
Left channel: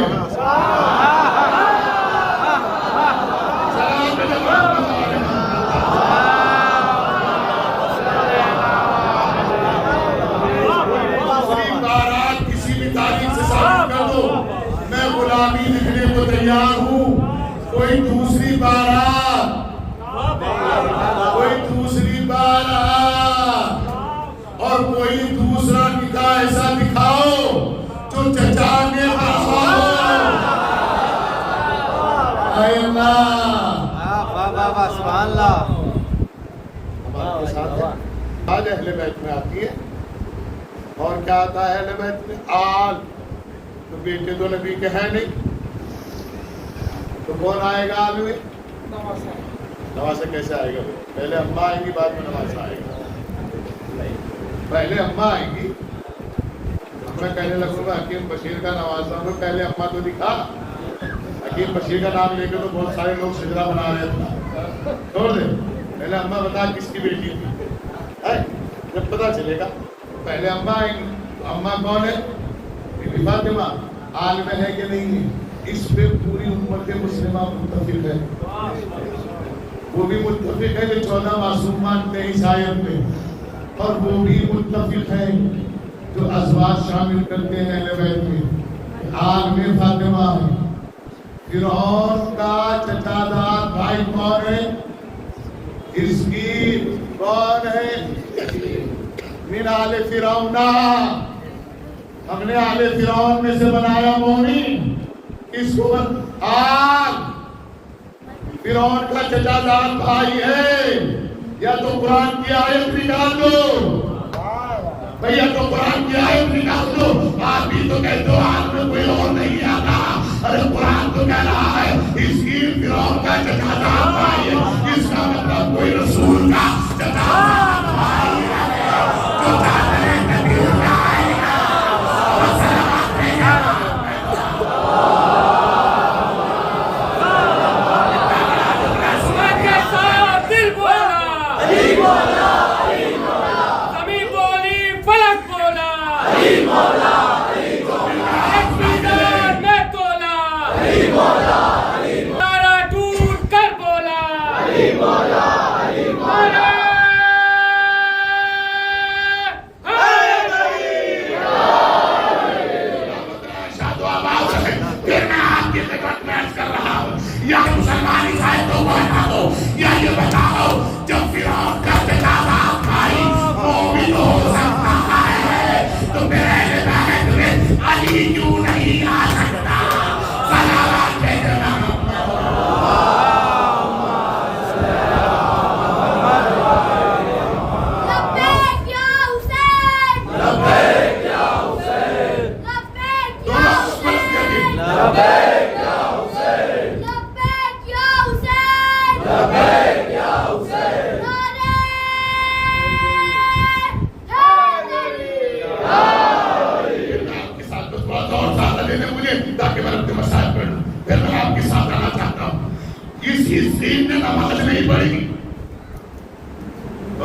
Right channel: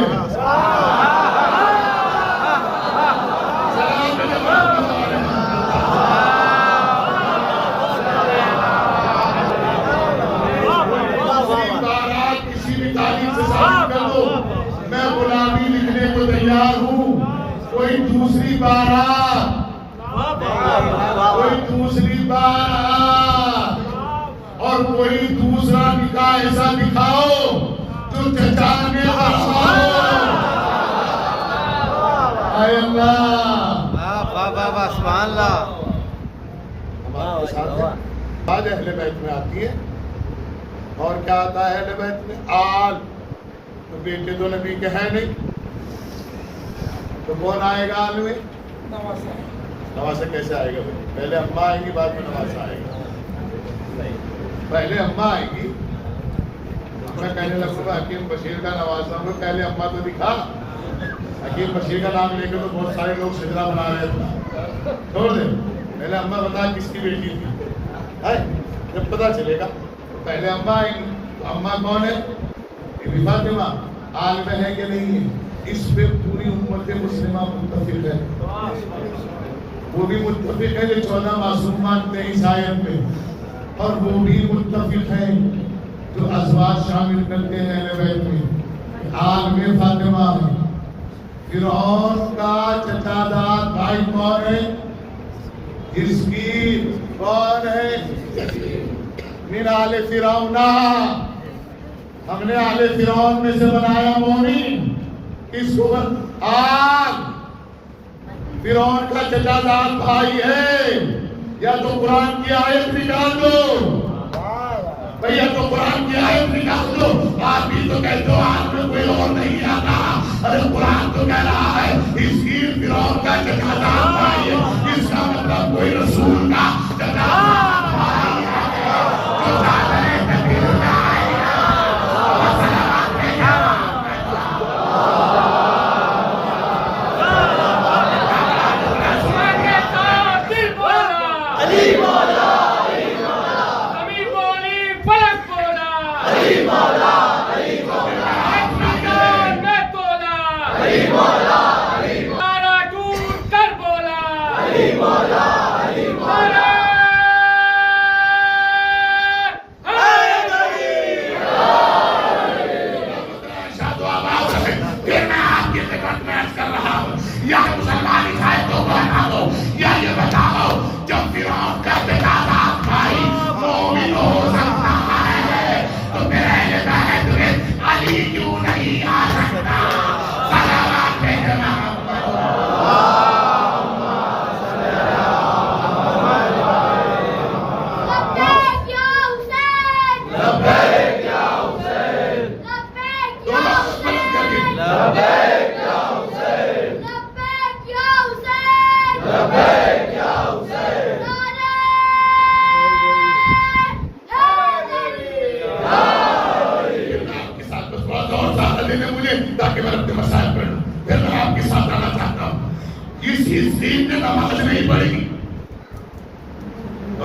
کسی بھی تاریخ سے ثابت کر دو، میں غلامی لکھنے کو تیار ہوں. کوئی دوسری بارات، کوئی دوسری بارات اور کوئی دوسرا نکاح ایسا دکھاؤ جو چچا نے فرمایا. اے اللہ سبحان اللہ. ہمارے ساتھ ہے. آج اہل بیت میں آتی ہے اور کیا آتا ہے اہل بیت میں؟ آل. تو بیٹے تو نبی کے ہیں نہیں تو کون آئے گا آل میں؟ نواسہ کیسے آئے گا؟ پہلے اماں آئیں گی بعد میں نواسہ آئے گا. پہلے اماں آئیں گی. میں کہنے لگوں گا حکیم بشیر کا نوازہ ہوں، پہلے اماں تو دکھا. حکیم بشیر کا نام لے کے تو بہت سارے لوگ سجدہ بنا رہے تھے. چھوڑ دے، پہلے اماں بتا کس کی بیٹی تھی. جب پتا چلے گا پہلے اماں آئیں گی. اماں کون ہے؟ فاطمہ. عالم ہے کہ نہیں ہے؟ اس پہ پوری امت مسلمہ متفق ہے. وہ بھی متفق ہے جو 14 معصومات میں عیسائیت میں، اور وہ بھی متفق ہے جو ازواج شامل کرتے ہیں اہل بیت میں. عالم فاطمہ ہے. فرعون کا چچا داد بھائی کون ہے؟ حزقیل. کون ہے؟ من آل فرعون، ہم نے آل فرعون میں سے بنایا مومن. کس کو آگ فرعون کا چچا زاد بھائی ہے. یا تو قرآن کی آیت نکال دو بھیا، تو قرآن کی آیت نکال دو. آج بھی تو کہہ دو آج میں کوئی اور نہیں آتا. ارے قرآن تو کہہ رہا ہے اس کی فرعون کا چچا زاد بھائی ہے. اس کا مطلب کوئی رسول کا چچا زاد بھائی ہے جو دادرے تدیر جائے گا. یا مسلمان عیسائی تو بتاؤ، یا یہ بتاؤ جب فرعون کا چچا زاد بھائی مومن ہو سکتا ہے تو پھر اہل بیت میں علی کیوں نہیں آ سکتا؟ صلوات تاکہ میں اپنے مسائل پڑھ لوں. پھر میں آپ کے ساتھ رہنا چاہتا ہوں. اس حصین نے نماز نہیں پڑھی،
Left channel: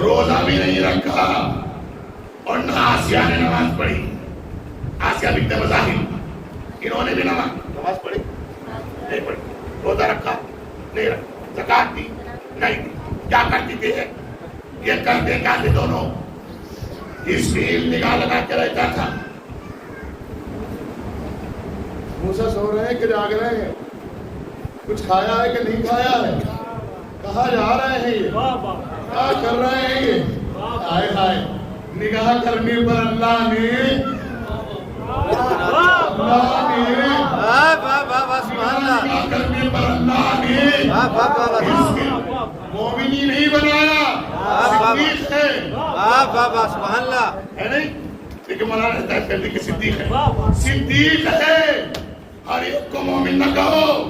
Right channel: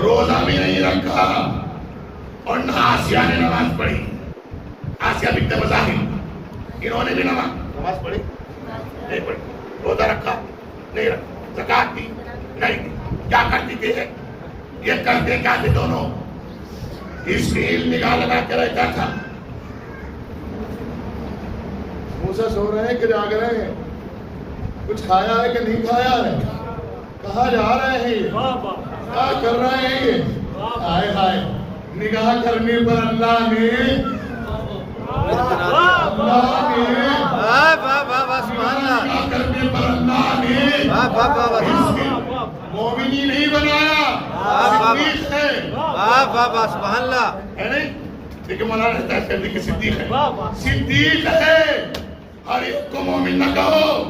روزہ بھی نہیں رکھا، اور نہ آسیہ نے نماز پڑھی. آسیہ بنت مزاحم انہوں نے بھی نماز پڑھی نہیں پڑھی. روزہ رکھا نہیں رکھا، زکات دی نہیں دی. کیا کرتی تھی یہ کرتے کیا تھے دونوں؟ حصین نگاہ لگا کے رہتا تھا. موسیٰ سو رہے ہیں کہ جاگ رہے ہیں؟ کچھ کھایا ہے کہ نہیں کھایا ہے؟ کہاں جا رہے ہیں یہ؟ کیا کر رہے ہیں یہ؟ آئے ہائے، نگاہ کرنے پر اللہ نے نگاہ کرنے پر اللہ نے مومنی نہیں بنایا، صدیق ہے. سبحان اللہ ہے نہیں؟ لیکن مولانا رہتا ہے کہتے کہ صدیق ہے. صدیق ہے. ہر ایک کو مومن نہ کہو،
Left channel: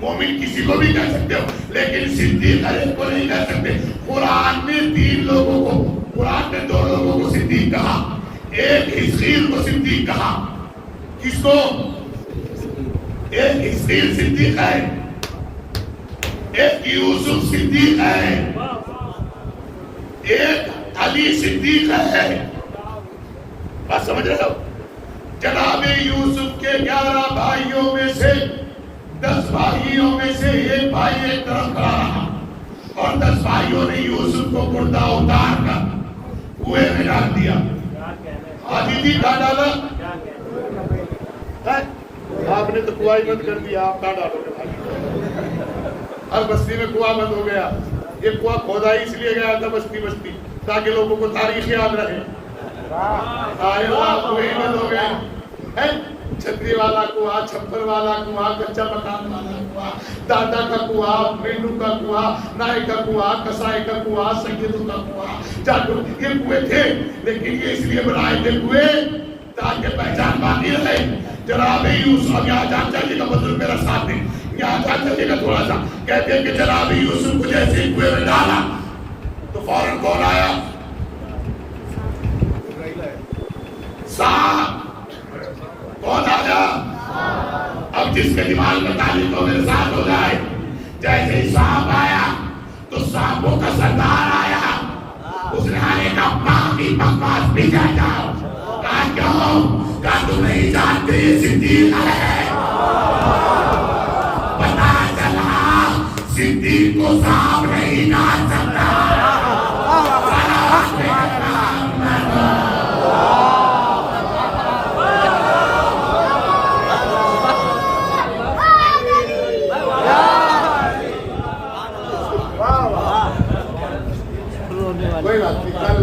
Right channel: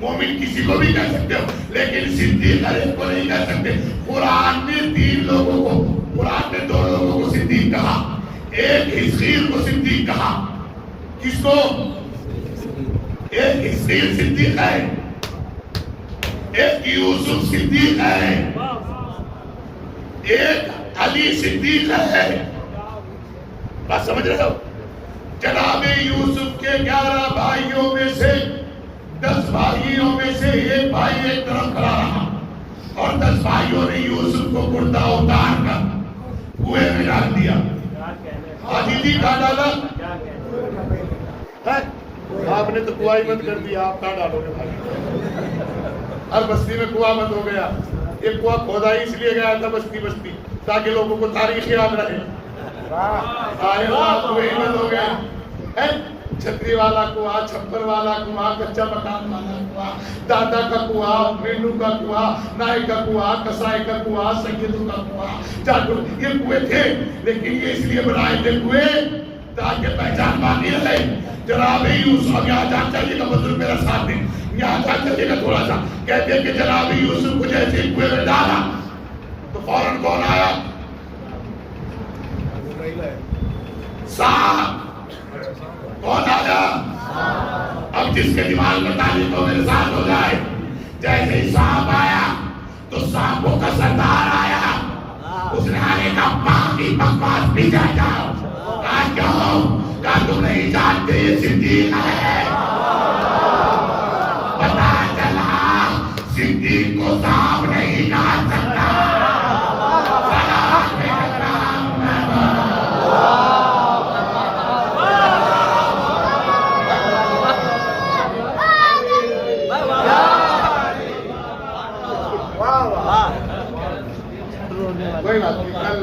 مومن کسی کو بھی کہہ سکتے ہو، لیکن صدیق ہر ایک کو نہیں کہہ سکتے. قرآن نے 3 لوگوں کو، قرآن نے 2 لوگوں کو صدیق کہا. ایک حزقیل کو صدیق کہا. کس کو؟ ایک حزقیل صدیق ہے، ایک یوسف صدیق ہے، ایک علی صدیق ہے. بات سمجھ رہے ہو؟ جناب یوسف کے 11 بھائیوں میں سے 10 بھائیوں میں سے ایک بھائی ایک طرف کھڑا رہا، اور 10 بھائیوں نے یوسف کو مردہ اتار کر کنویں میں ڈال دیا. حاجی کہاں ڈالا؟ آپ نے تو کنواں بند کر دیا، آپ کہاں ڈالو گے بھائی؟ ہر بستی میں کنواں بند ہو گیا. یہ کنواں کھودا اس لیے گیا تھا بستی بستی تاکہ لوگوں کو تاریخ یاد رہے. آئے کنویں بند ہو گئے. چھتری والا کنواں، چھپر والا کنواں، کچا مکان والا کنواں، دادا کا کنواں، مینو کا کنواں، نائے کا کنواں، کسائے کا کنواں، سیدوں کا کنواں، جاٹو، یہ کنویں تھے. لیکن یہ اس لیے بنائے تھے کنویں تاکہ پہچان باقی رہے. جناب یوسف، یہاں جان چاہیے گا مطلب میرا ساتھ دیں، یہاں جان چاہیے گا تھوڑا سا. کہتے ہیں کہ جناب یوسف کو جیسے کنویں میں ڈالا تو فوراً کون آیا؟ سانپ. کون آیا؟ اب جس کے دماغ میں تعلیم ہو میرے ساتھ ہو جائے. جیسے ہی سانپ آیا تو سانپوں کا سردار آیا. اس نے آنے کا باقی بکواس بھی جائے جاؤ. آج کہوں کیا تم نہیں جانتے یہ صدیق ہے؟ پتا چلا صدیق کو سانپ نہیں کاٹ سکتا. کوئی بات نہیں، کل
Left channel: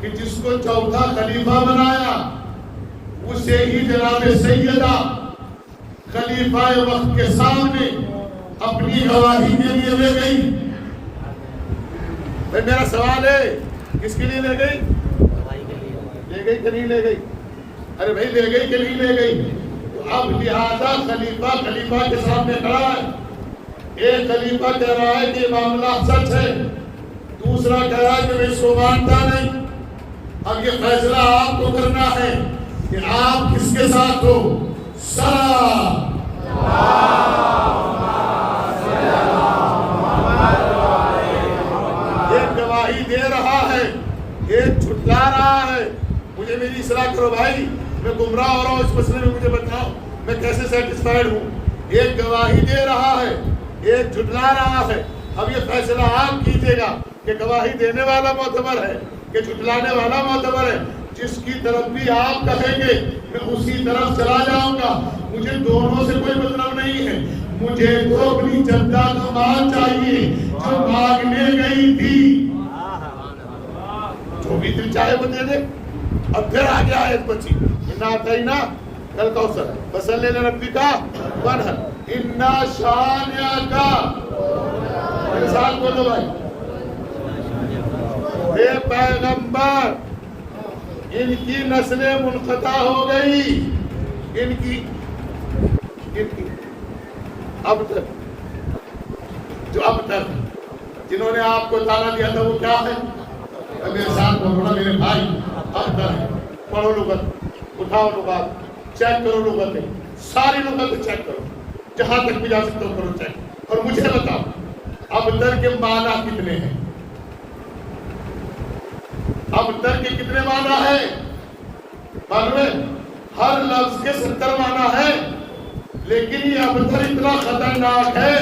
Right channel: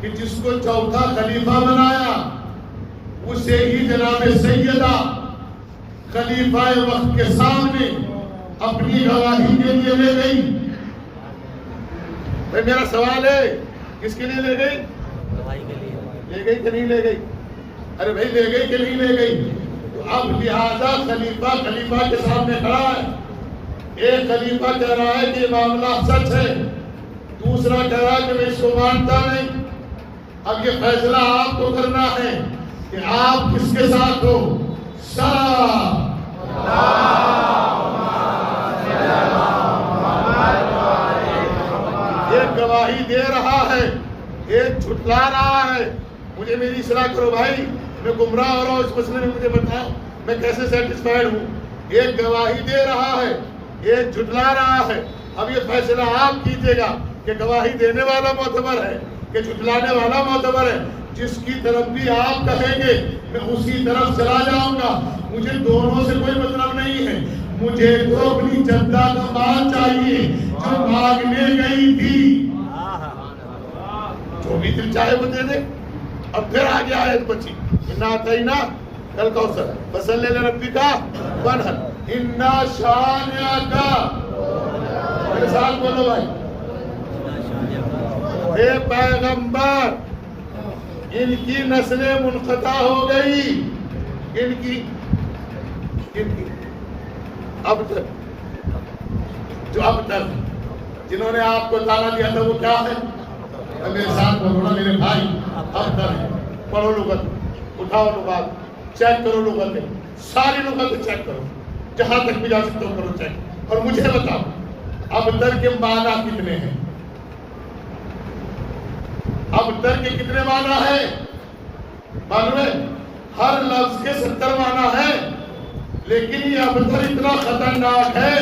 کہ جس کو چوتھا خلیفہ بنایا اسے ہی جناب سیدہ خلیفہ وقت کے سامنے اپنی گواہی کے لیے لے گئی. بھائی میرا سوال ہے کس کے لیے لے گئی؟ لے گئی کہ نہیں لے گئی؟ ارے بھائی لے گئی کہ نہیں لے گئی؟ تو اب لہذا خلیفہ کے سامنے کھڑا ہے. ایک خلیفہ کہہ رہا ہے کہ یہ معاملہ سچ ہے, دوسرا کہہ رہا ہے کہ میں اس کو مانتا نہیں. اب یہ فیصلہ آپ کو کرنا ہے کہ آپ کس کے ساتھ ہو. ایک گواہی دے رہا ہے, ایک جھٹلا رہا ہے. مجھے میری اصلاح کرو بھائی, میں گمراہ ہو رہا ہوں اس مسئلے میں, مجھے بتاؤ میں کیسے سیٹسفائیڈ ہوں. ایک گواہی دے رہا ہے, ایک جھٹلا رہا ہے. اب یہ فیصلہ آپ کیجیے گا کہ گواہی دینے والا معتبر ہے کہ جھٹلانے والا معتبر ہے. جس کی طرف بھی آپ کہیں گے میں اسی طرف چلا جاؤں گا. مجھے دونوں سے کوئی مطلب نہیں ہے. مجھے تو اپنی جدہ کا مال چاہیے جو مانگنے گئی تھی. جو بھی دل چاہے وہ دے دے. اب پھر آگے آیت بچی, انا اعطینا کل کوثر فصلی لربک وانحر انا شانئک. میرے ساتھ بولو بھائی. اے پیغمبر, ان کی نسلیں منقطع ہو گئی. ان کی اب تک جو اب تک جنہوں نے آپ کو تانا دیا تھا وہ کیا ہے؟ میرے ساتھ بولو نا میرے بھائی. اب تک پڑھو لغت, اٹھاؤ لغات, چیک کرو لغتیں, ساری لغتیں چیک کرو, جہاں تک بھی جا سکتے ہو کرو چیک, اور مجھے بتاؤ اب تک کے معنی کتنے ہیں؟ اب تک کے کتنے معنی ہیں؟ معلوم ہے ہر لفظ کے 70 معنی ہیں, لیکن یہ ابتر اتنا خطرناک ہے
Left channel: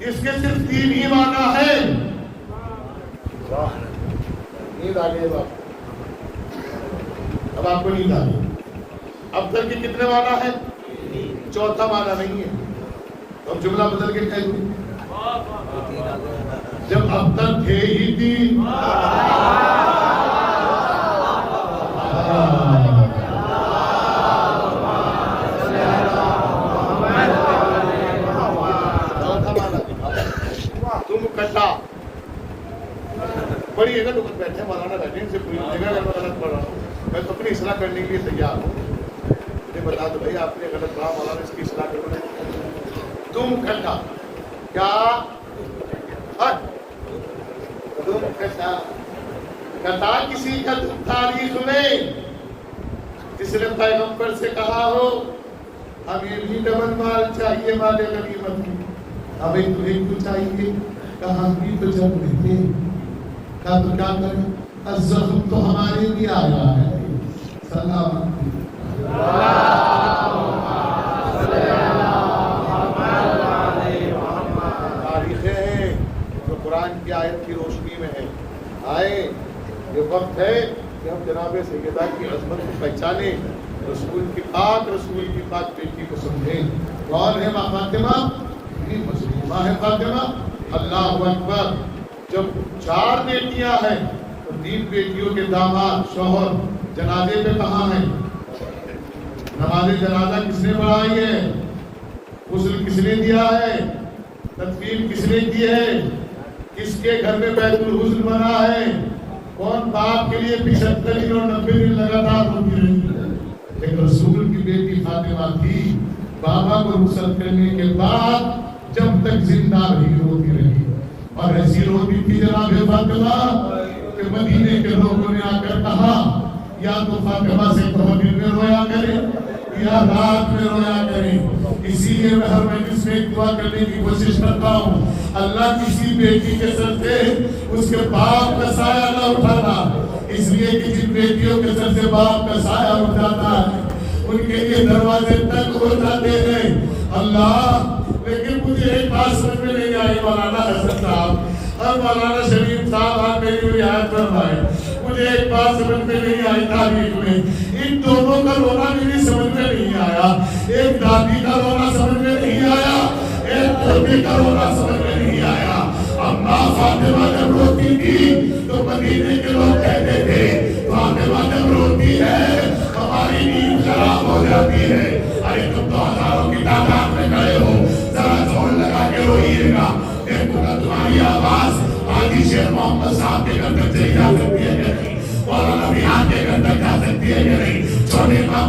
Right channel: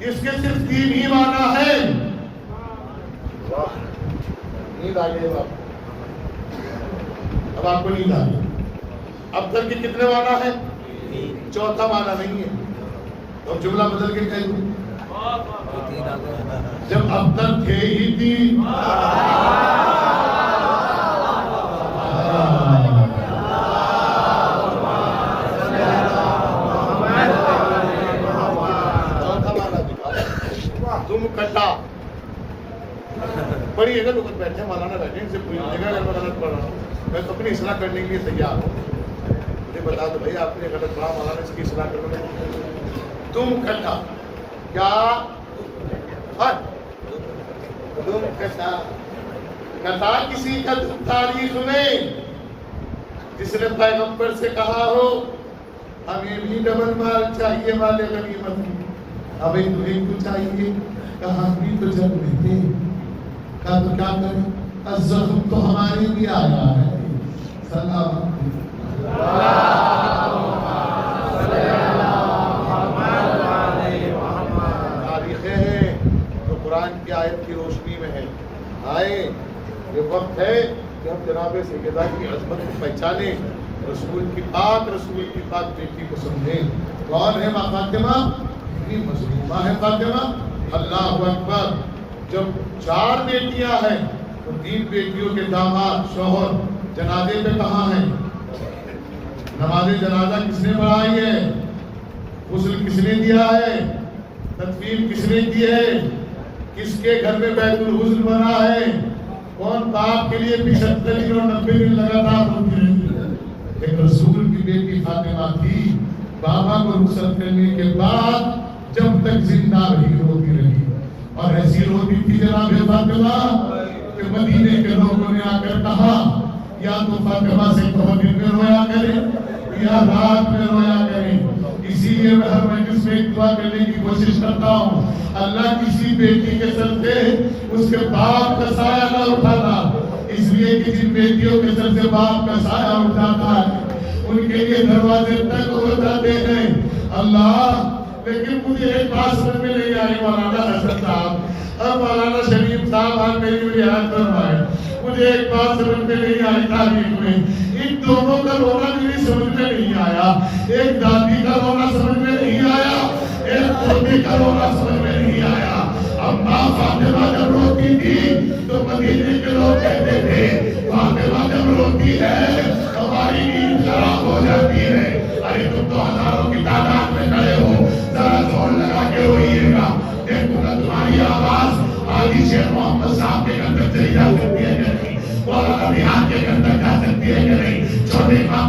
اس کے صرف 3 ہی معنی ہیں. نیند آ گئی اب آپ کو نیند آ گئی. ابتر کے کتنے معنی ہیں؟ چوتھا معنی نہیں ہے. اب جملہ بدل کے کہہ دوں, جب اب تک تھے ہی تھی تم کٹا بڑی اگر لوگ بیٹھے مولانا بیٹھے ان سے کوئی جگہ اگر میں غلط پڑھ رہا ہوں میں تو اپنی اصلاح کرنے کے لیے تیار ہوں. مجھے بتا دو بھائی آپ نے غلط پڑھا, مولانا اس کی اصلاح کرنا. تم کٹا کیا تم کٹا کٹا کسی کا تم تاریخ میں جس نے پیغمبر سے کہا ہو ہمیں بھی ڈبل مال چاہیے والے غنیمت. اب ایک تمہیں کیوں چاہیے؟ کہا بھی تو جب رہتے کہا تو کیا کریں, الزخم تو ہمارے بھی آیا ہے. سلام تاریخیں ہیں جو قرآن کی آیت کی روشنی میں ہے. آئے یہ وقت ہے کہ ہم جناب سیدہ کی عظمت کو پہچانیں, رسول کی پاک بیٹی کو سمجھیں. کون ہے ماں فاطمہ؟ اتنی مظلومہ ہے فاطمہ. اللہ اکبر. جب 4 بیٹیاں ہیں تو 3 بیٹیوں کے داماد شوہر جنازے پہ کہاں ہیں؟ نماز جنازہ کس نے پڑھائی ہے؟ غسل کس نے دیا ہے؟ تدفین کس نے کی ہے؟ کس کے گھر میں بیت الحسن بنا ہے؟ کون باپ کے لیے 75 اور 90 دن لگاتار روتی رہی؟ ایک رسول کی بیٹی فاطمہ تھی. بابا کو غسل کرنے کے بعد جب تک زندہ رہی روتی رہی, اور ایسی روتی تھی جناب فاطمہ کہ مدینے کے لوگوں نے آ کر کہا یا تو فاطمہ سے کہو دن میں رویا کرے یا رات میں رویا کرے. اسی لیے میں ہر مجلس میں ایک دعا کرنے کی کوشش کرتا ہوں, اللہ کسی بیٹی کے سر سے اس کے باپ کا سایہ نہ اٹھانا, اس لیے کہ جن بیٹیوں کے سر سے باپ کا سایہ اٹھ جاتا ہے ان کے لیے دروازے تک ہو جاتے ہیں. اللہ لیکن مجھے ایک بات سمجھ میں نہیں آئی مولانا حسن صاحب اور مولانا شریف صاحب, آپ میری رعایت فرمائیں. مجھے ایک بات سمجھ میں نہیں آئی تاریخ میں, ان دونوں کا رونا میری سمجھ میں نہیں آیا. ایک دادی کا رونا سمجھ میں نہیں آیا, ایک پوتی کا رونا سمجھ میں نہیں آیا. اب ماں فاطمہ جب روتی تھی تو مدینے کے لوگ کہتے تھے